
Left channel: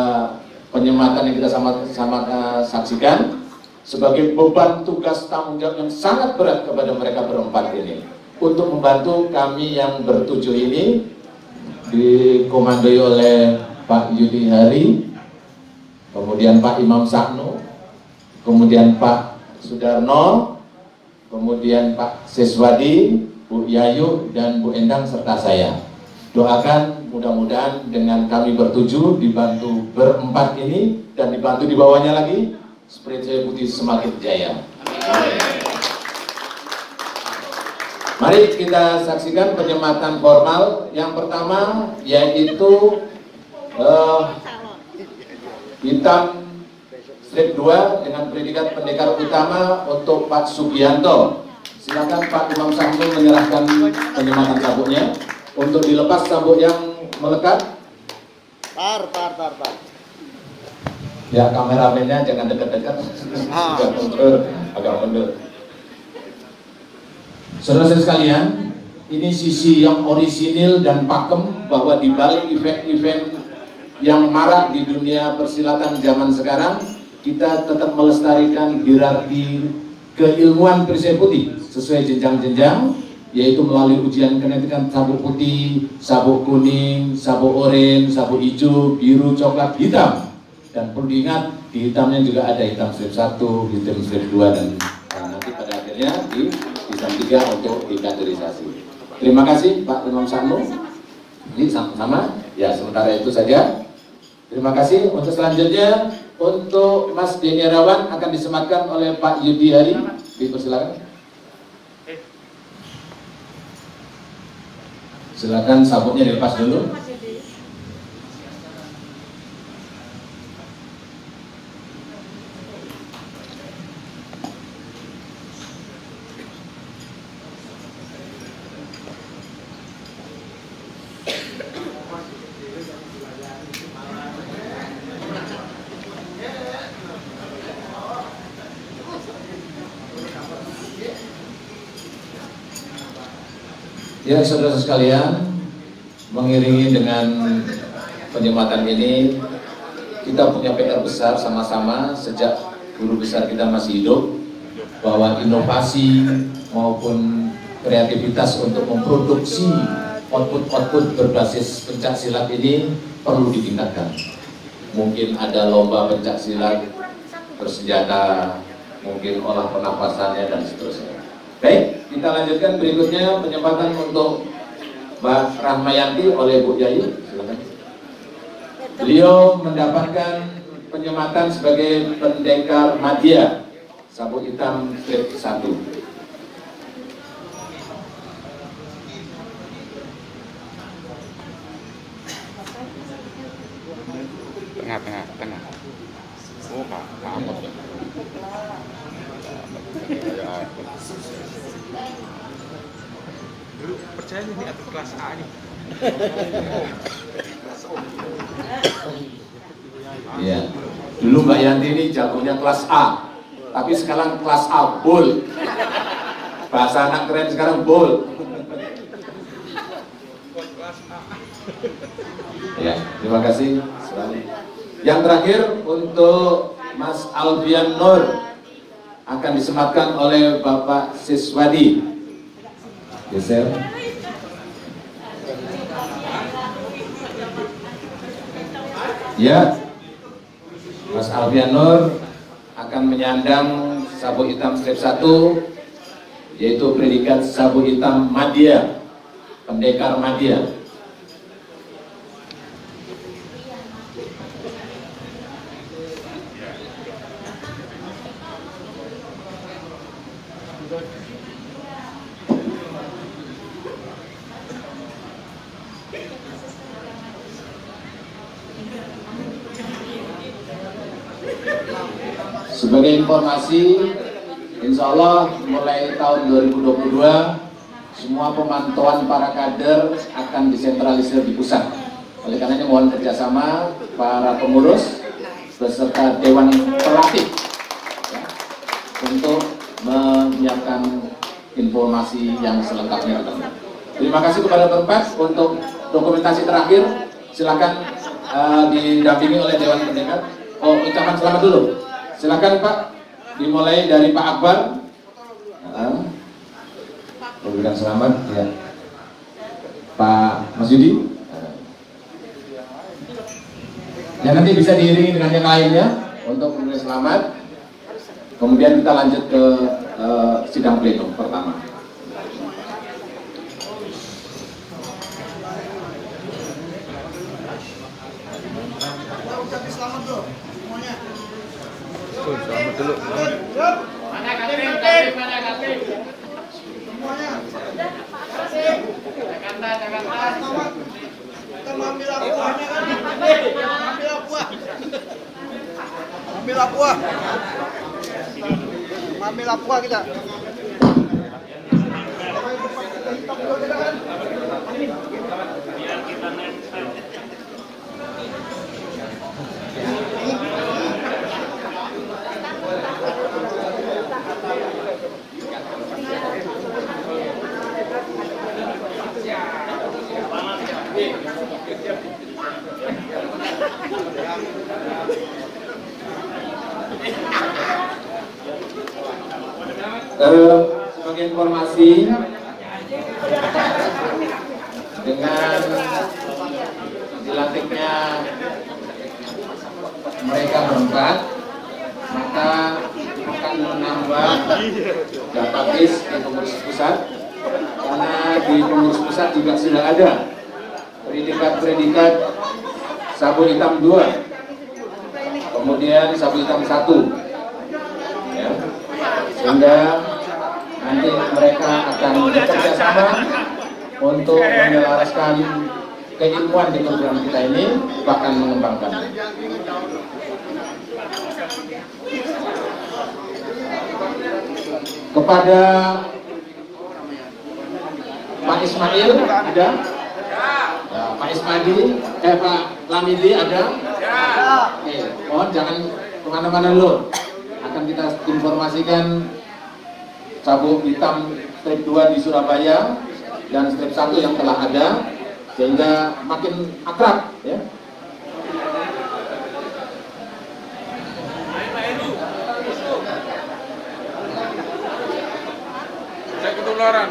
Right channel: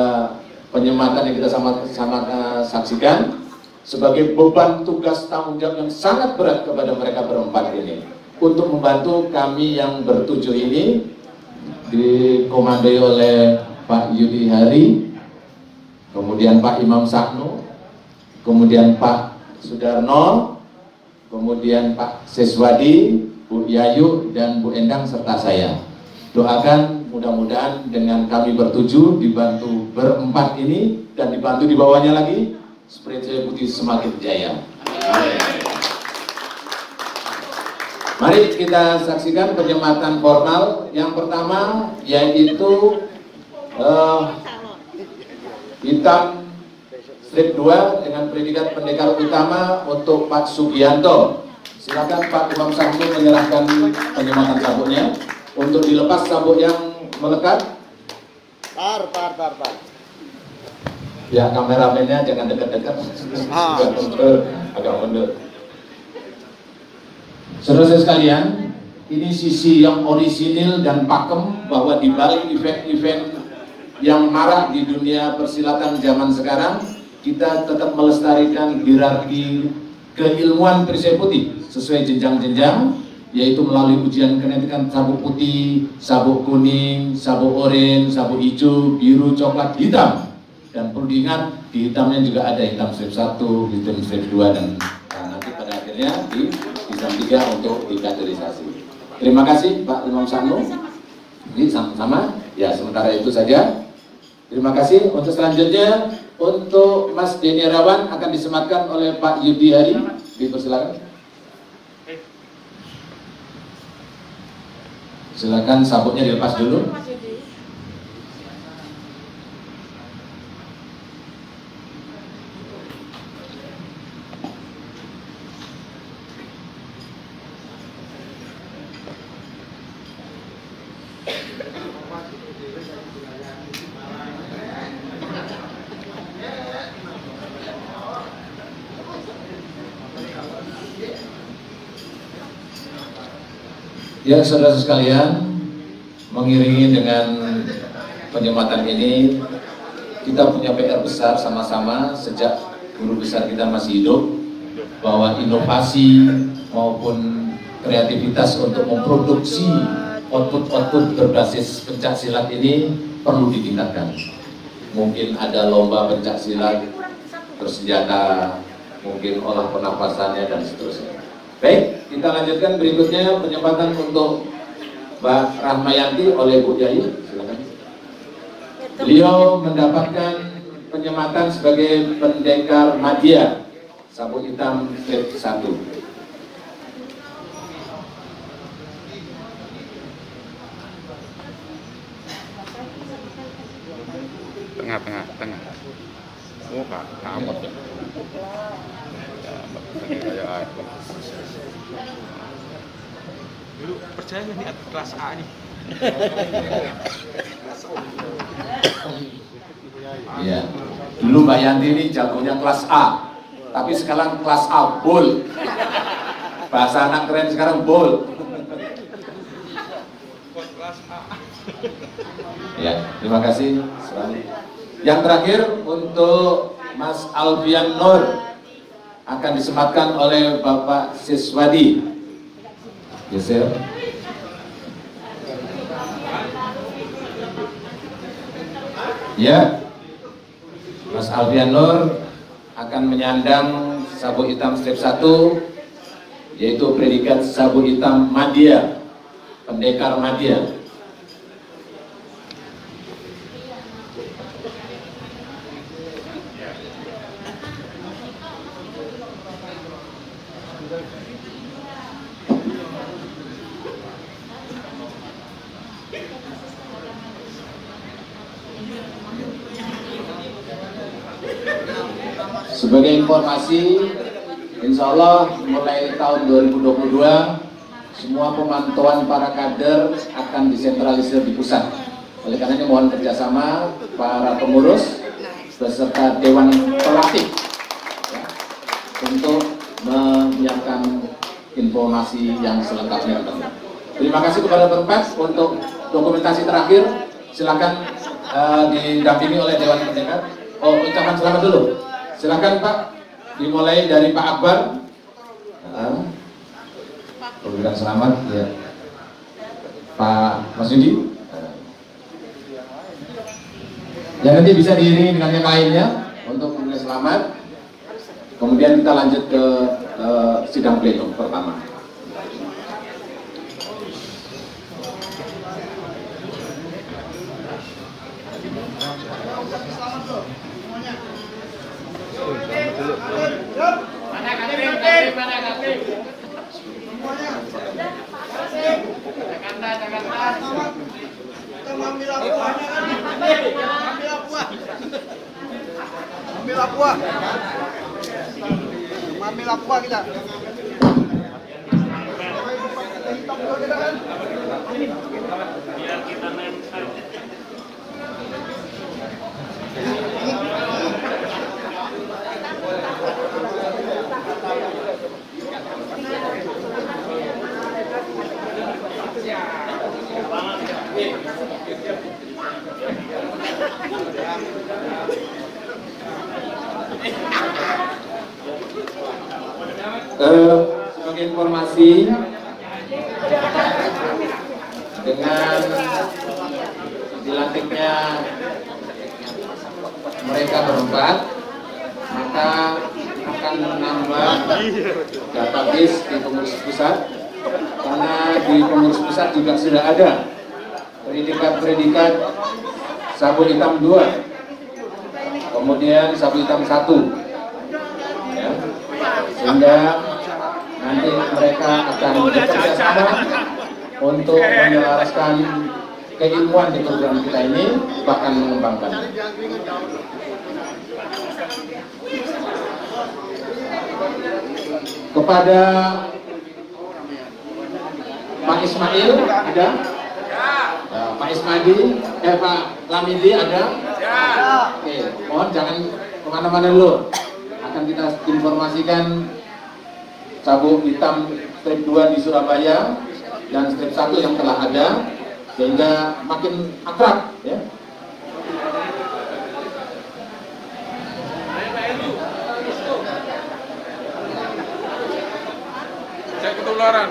penyematan yang kita sama-sama saksikan sebagai beban tugas tanggung jawab yang sangat berat kepada mereka berempat ini, untuk membantu kami yang bertujuh ini, dikomandoi oleh Pak Yudi Hari, kemudian Pak Imam Saknu, kemudian Pak Sudarno, kemudian Pak Siswadi, Bu Yayu, dan Bu Endang serta saya. Doakan mudah-mudahan dengan kami bertujuh dibantu berempat ini dan dibantu di bawahnya lagi, Perseputih semakin jaya. Mari kita saksikan penyematan formal. Yang pertama yaitu hitam strip 2 dengan predikat pendekar utama untuk Pak Sugianto. Silakan Pak Imam Saknu menyerahkan penyematan sabuknya. untuk dilepas sabuk yang melekat. Par. Ya, kameramennya jangan dekat-dekat. Agak mundur. Saudara sekalian, ini sisi yang orisinil dan pakem bahwa di balik event-event yang marak di dunia persilatan zaman sekarang, kita tetap melestarikan hierarki keilmuan perisai putih sesuai jenjang-jenjang, yaitu melalui ujian kenetikan sabuk putih, sabuk kuning, sabuk oranye, sabuk hijau, biru, coklat, hitam. Dan perlu diingat, di hitamnya juga ada hitam strip 1, hitam strip 2, dan nanti pada akhirnya di hitam 3 untuk dikaderisasi. Terima kasih Pak Imam Sanu. Ini sama-sama. Ya, sementara itu saja. Terima kasih. Untuk selanjutnya, untuk Mas Denny Rawan akan disematkan oleh Pak Yudi Hari. Dipersilakan. Silakan sabuknya dilepas dulu. Ya, saudara sekalian, mengiringi dengan penyematan ini, kita punya PR besar sama-sama sejak guru besar kita masih hidup, bahwa inovasi maupun kreativitas untuk memproduksi output-output berbasis pencak silat ini perlu ditingkatkan. Mungkin ada lomba pencak silat bersenjata, mungkin olah pernapasannya dan seterusnya. Baik, kita lanjutkan berikutnya penyempatan untuk Mbak Rahmayanti oleh Bu Yayu. Beliau mendapatkan penyempatan sebagai pendekar madya sabuk hitam strip 1. Tengah. Oh, kamu. Percaya ini atlet kelas A nih. Iya. Dulu Mbak Yanti ini jagonya kelas A, tapi sekarang kelas A bull. Bahasa anak keren sekarang bull. Ya, terima kasih. Yang terakhir untuk Mas Alfian Nur akan disematkan oleh Bapak Siswadi. Geser. Ya, Mas Alfian Nur akan menyandang sabuk hitam strip 1, yaitu predikat sabuk hitam madya, pendekar madya. Sebagai informasi, insya Allah mulai tahun 2022 semua pemantauan para kader akan disentralisir di pusat. Oleh karenanya mohon kerjasama para pengurus beserta dewan pelatih ya, untuk menyiapkan informasi yang selengkapnya. Terima kasih kepada tempat untuk dokumentasi terakhir. Silakan didampingi oleh dewan pendengar. Oh, ucapan selamat dulu. Silakan Pak, dimulai dari Pak Akbar. Memberikan selamat ya. Pak Mas Yudi. Ya, nanti bisa diiringi dengan yang lainnya untuk memberi selamat. Kemudian kita lanjut ke sidang pleno pertama. Ambil aqua kita. nanti dengan dilantiknya mereka berempat, maka akan menambah database di pengurus pusat, karena di pengurus pusat juga sudah ada predikat sabu hitam 2, kemudian sabu hitam 1, ya. Sehingga nanti mereka akan bekerja sama untuk menyelaraskan keilmuan di program kita ini, bahkan mengembangkan. Kepada Pak Ismail ada, ya, Pak Ismail, Pak Lamidi ada. Oke, mohon jangan kemana-mana dulu. Akan kita informasikan sabu hitam strip 2 di Surabaya dan strip 1 yang telah ada, sehingga makin akrab, ya. Saya ketularan.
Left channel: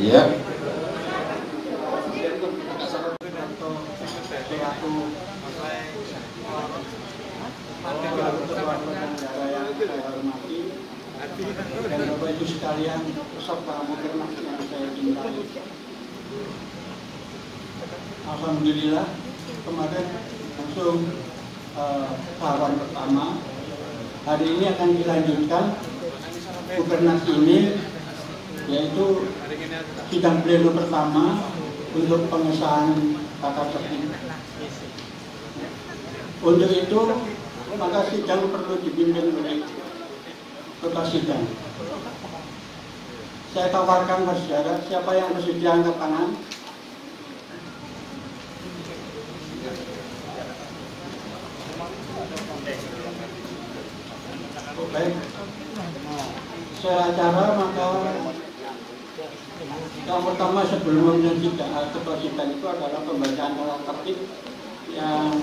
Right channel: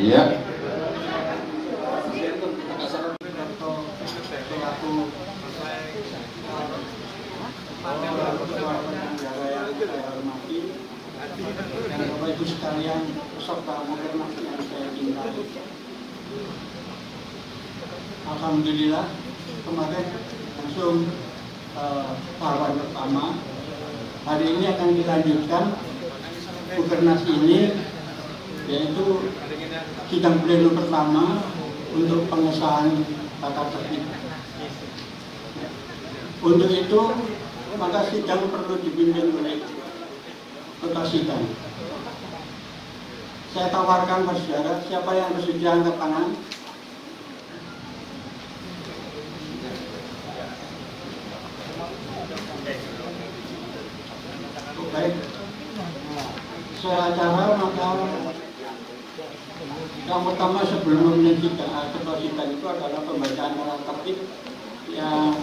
Iya. Bapak Ibu sekalian, peserta Mukernas yang saya cintai. Alhamdulillah kemarin langsung tahapan pertama. Hari ini akan dilanjutkan Mukernas ini, yaitu sidang pleno pertama untuk pengesahan tata tertib. Untuk itu, maka sidang perlu dipimpin oleh ketua sidang. Saya tawarkan bersyarah, siapa yang bersedia angkat tangan? Baik. Saya acara, maka yang pertama sebelum ketua sidang itu adalah pembacaan tata tertib yang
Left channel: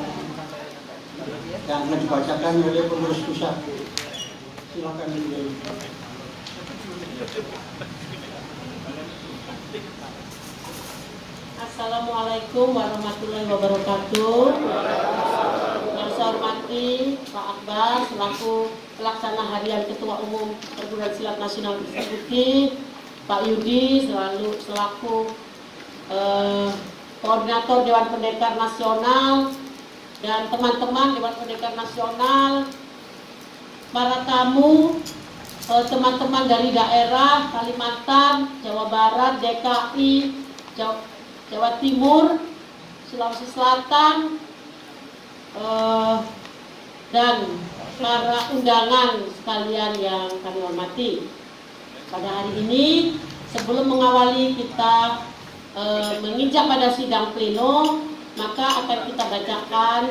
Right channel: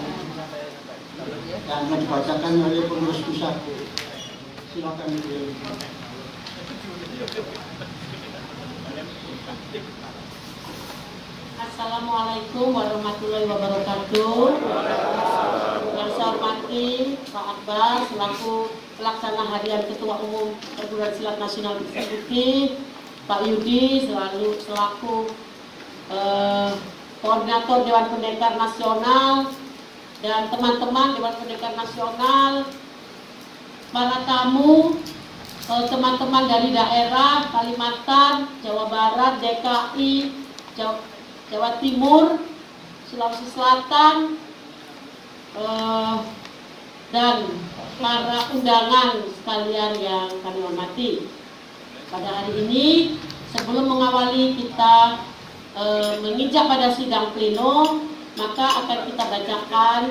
akan dibacakan oleh pengurus pusat. Silakan beliau. Assalamualaikum warahmatullahi wabarakatuh. Yang saya hormati Pak Akbar selaku pelaksana harian Ketua Umum Perguruan Silat Nasional Eksekutif, Pak Yudi selaku koordinator Dewan Pendekar Nasional, dan teman-teman Dewan Pendekar Nasional, para tamu, teman-teman dari daerah Kalimantan, Jawa Barat, DKI, Jawa Timur, Sulawesi Selatan, dan para undangan sekalian yang kami hormati. Pada hari ini, sebelum mengawali kita menginjak pada sidang pleno, maka akan kita bacakan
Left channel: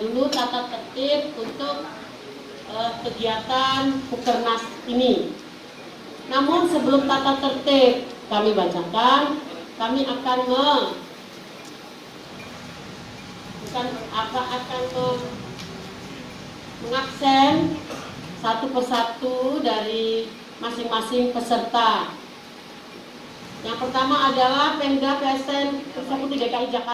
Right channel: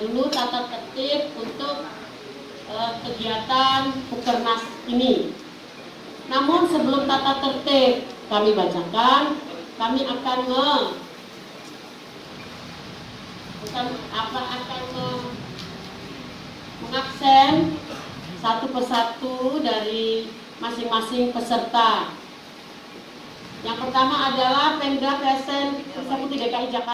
dulu tata tertib untuk kegiatan Mukernas ini. Namun sebelum tata tertib kami bacakan, kami akan mengaksen satu persatu dari masing-masing peserta. Yang pertama adalah Pemda PSN Eksekutif DKI Jakarta.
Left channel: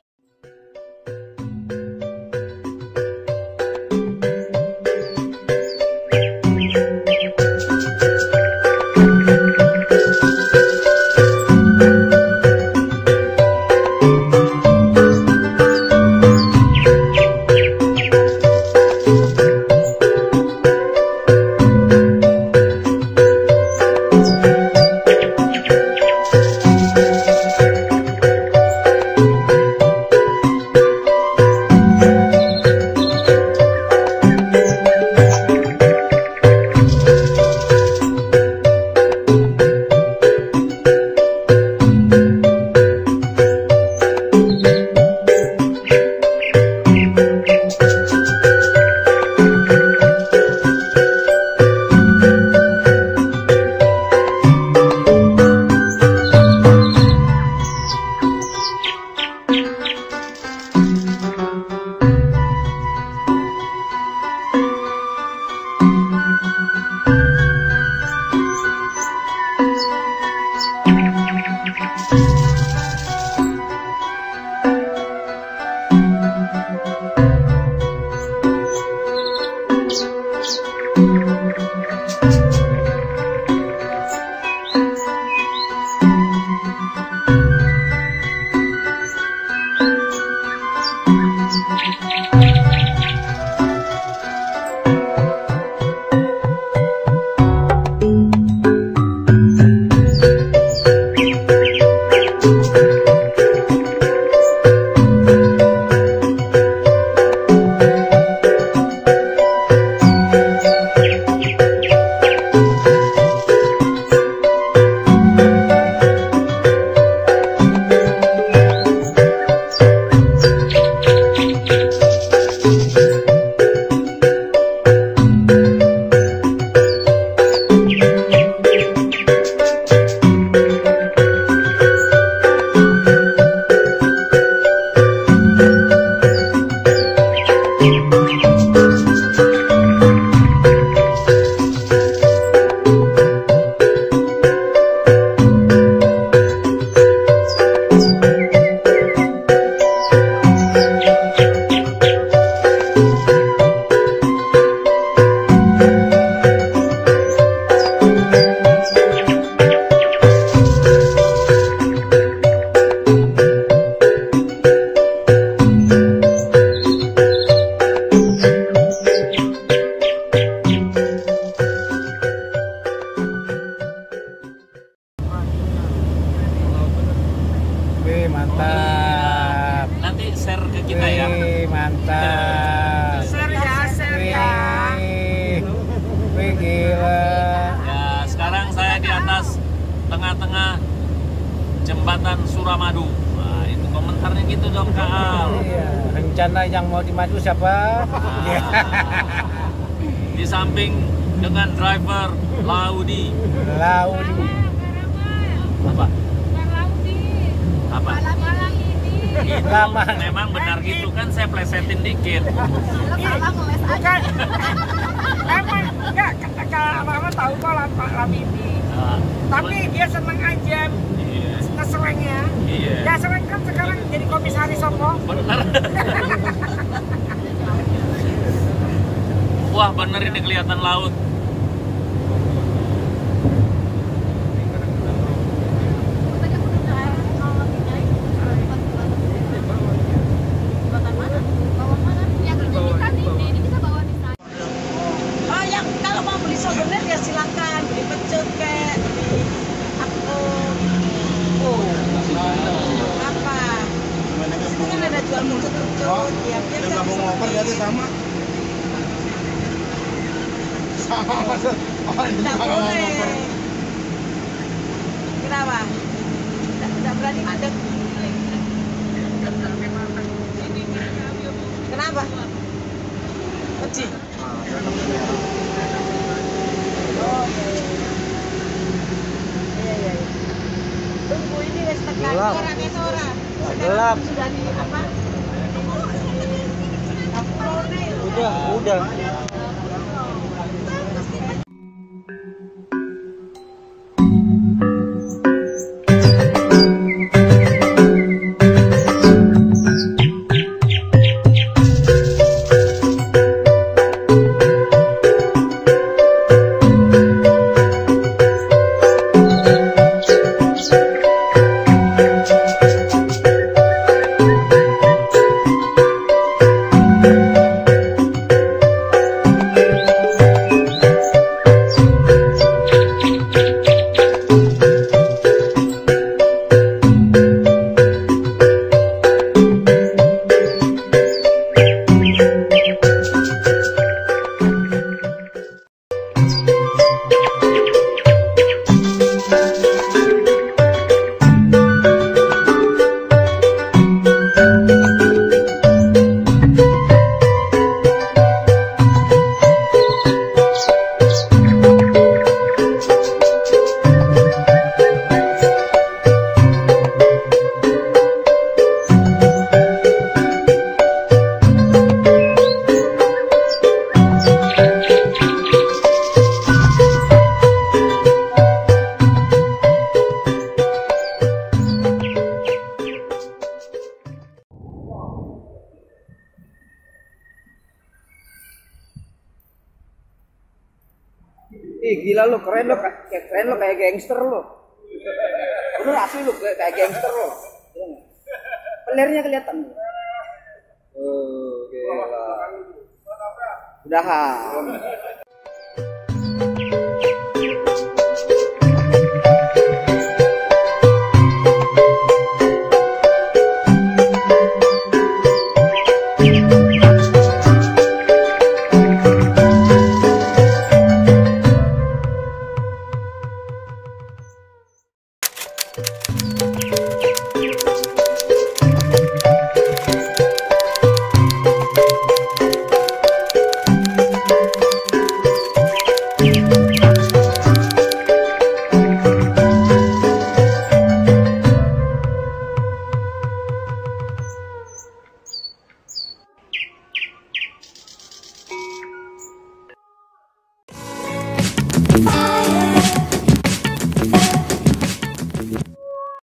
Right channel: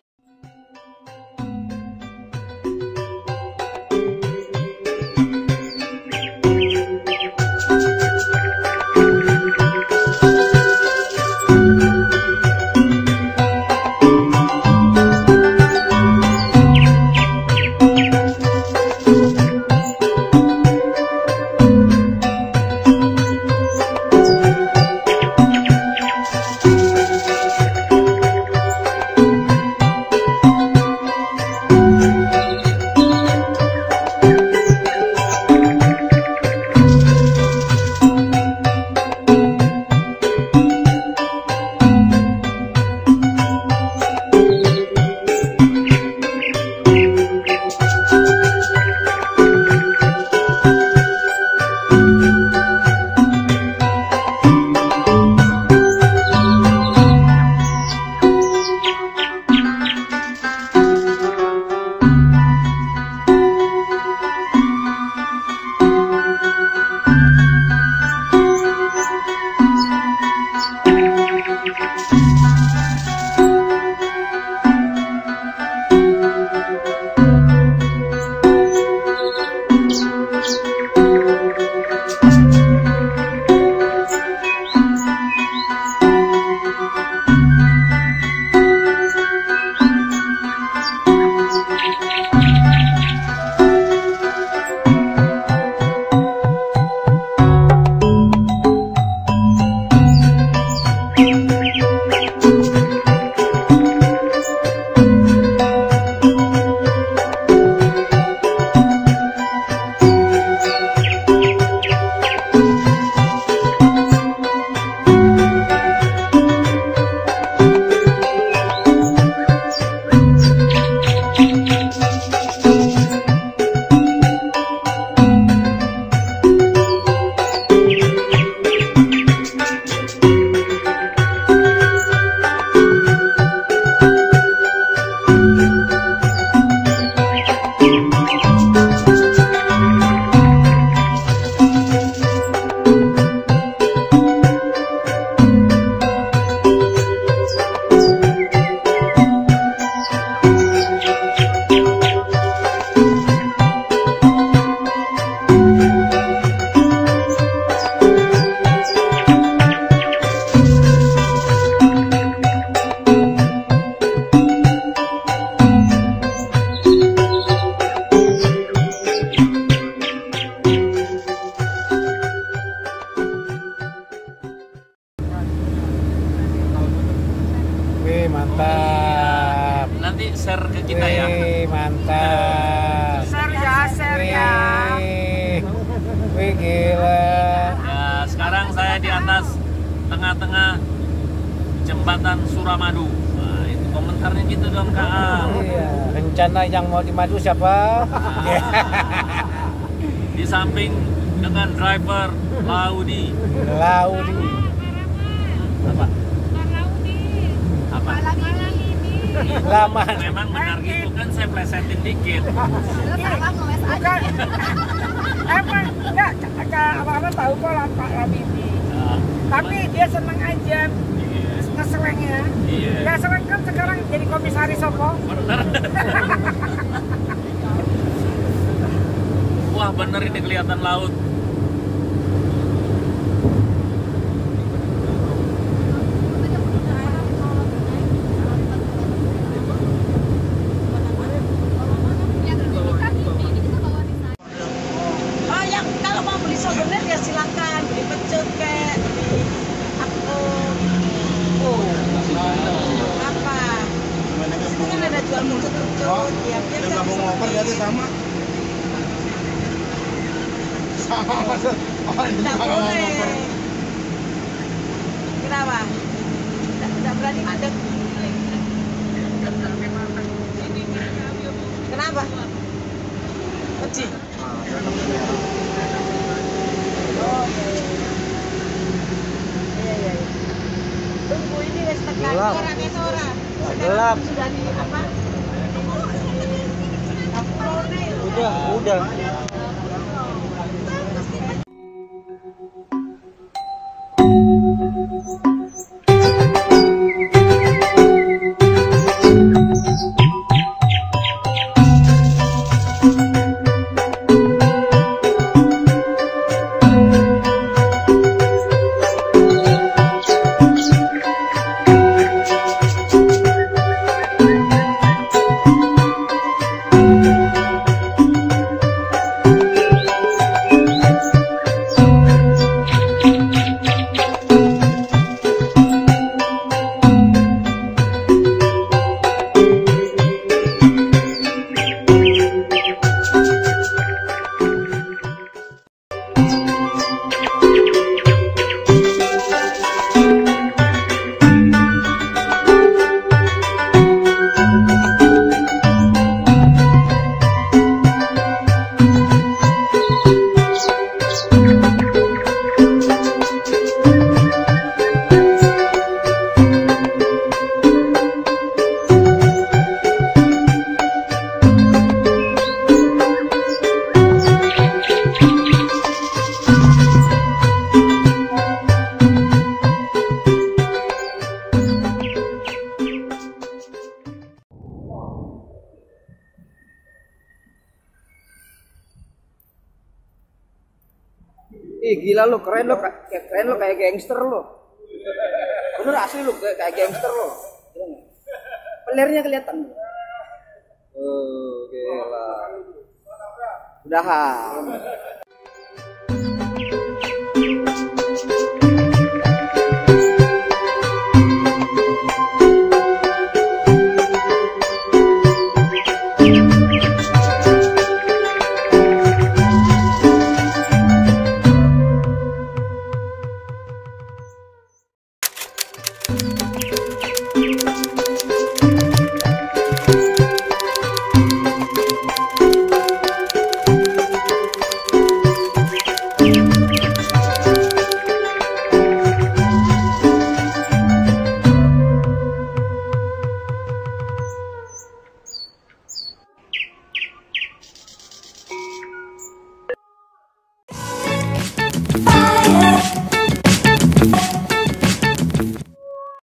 Mantap. Nanti share ke kita ya. Mantap. Share ya. Wih, gila. Ya, sekarang saya di atas tengah-tengah jembatan Suramadu. Nah, itu komentarnya gitu dong, Kak. Iya, rencana yang mau dimadu siapa? Di samping dengan driver Laudi. Apa? Apa? Lama. Memang benar gitu kan, saya plesetin dikit. Bukan. Emang enggak abang-abang tahu kok Pak Labidi. Tapi dia seneng aja ngeselengnya. Iya. Ya seleng kan sekarang jadi komisaris Soko. Wah, bener ini kelihatan laut. Oh, yang kalau mau beli souvenir ya silakan beli pecut kayak apa? Itu kan ada jual pecut-pecut. Ya, biar Yang kamu ngoper jadi sama. Tidak boleh. Kenapa? Tidak berani mandek. Kenapa? Uji. Oh, iya. Tunggu ini wes tekan orang. Gelap. Sudah di apa? Udah. Ih gila lu, keren lu kayak gangster lu. Bener asli lu kayak gangster lu. Pelernya kelihatan. Gila. Udahan.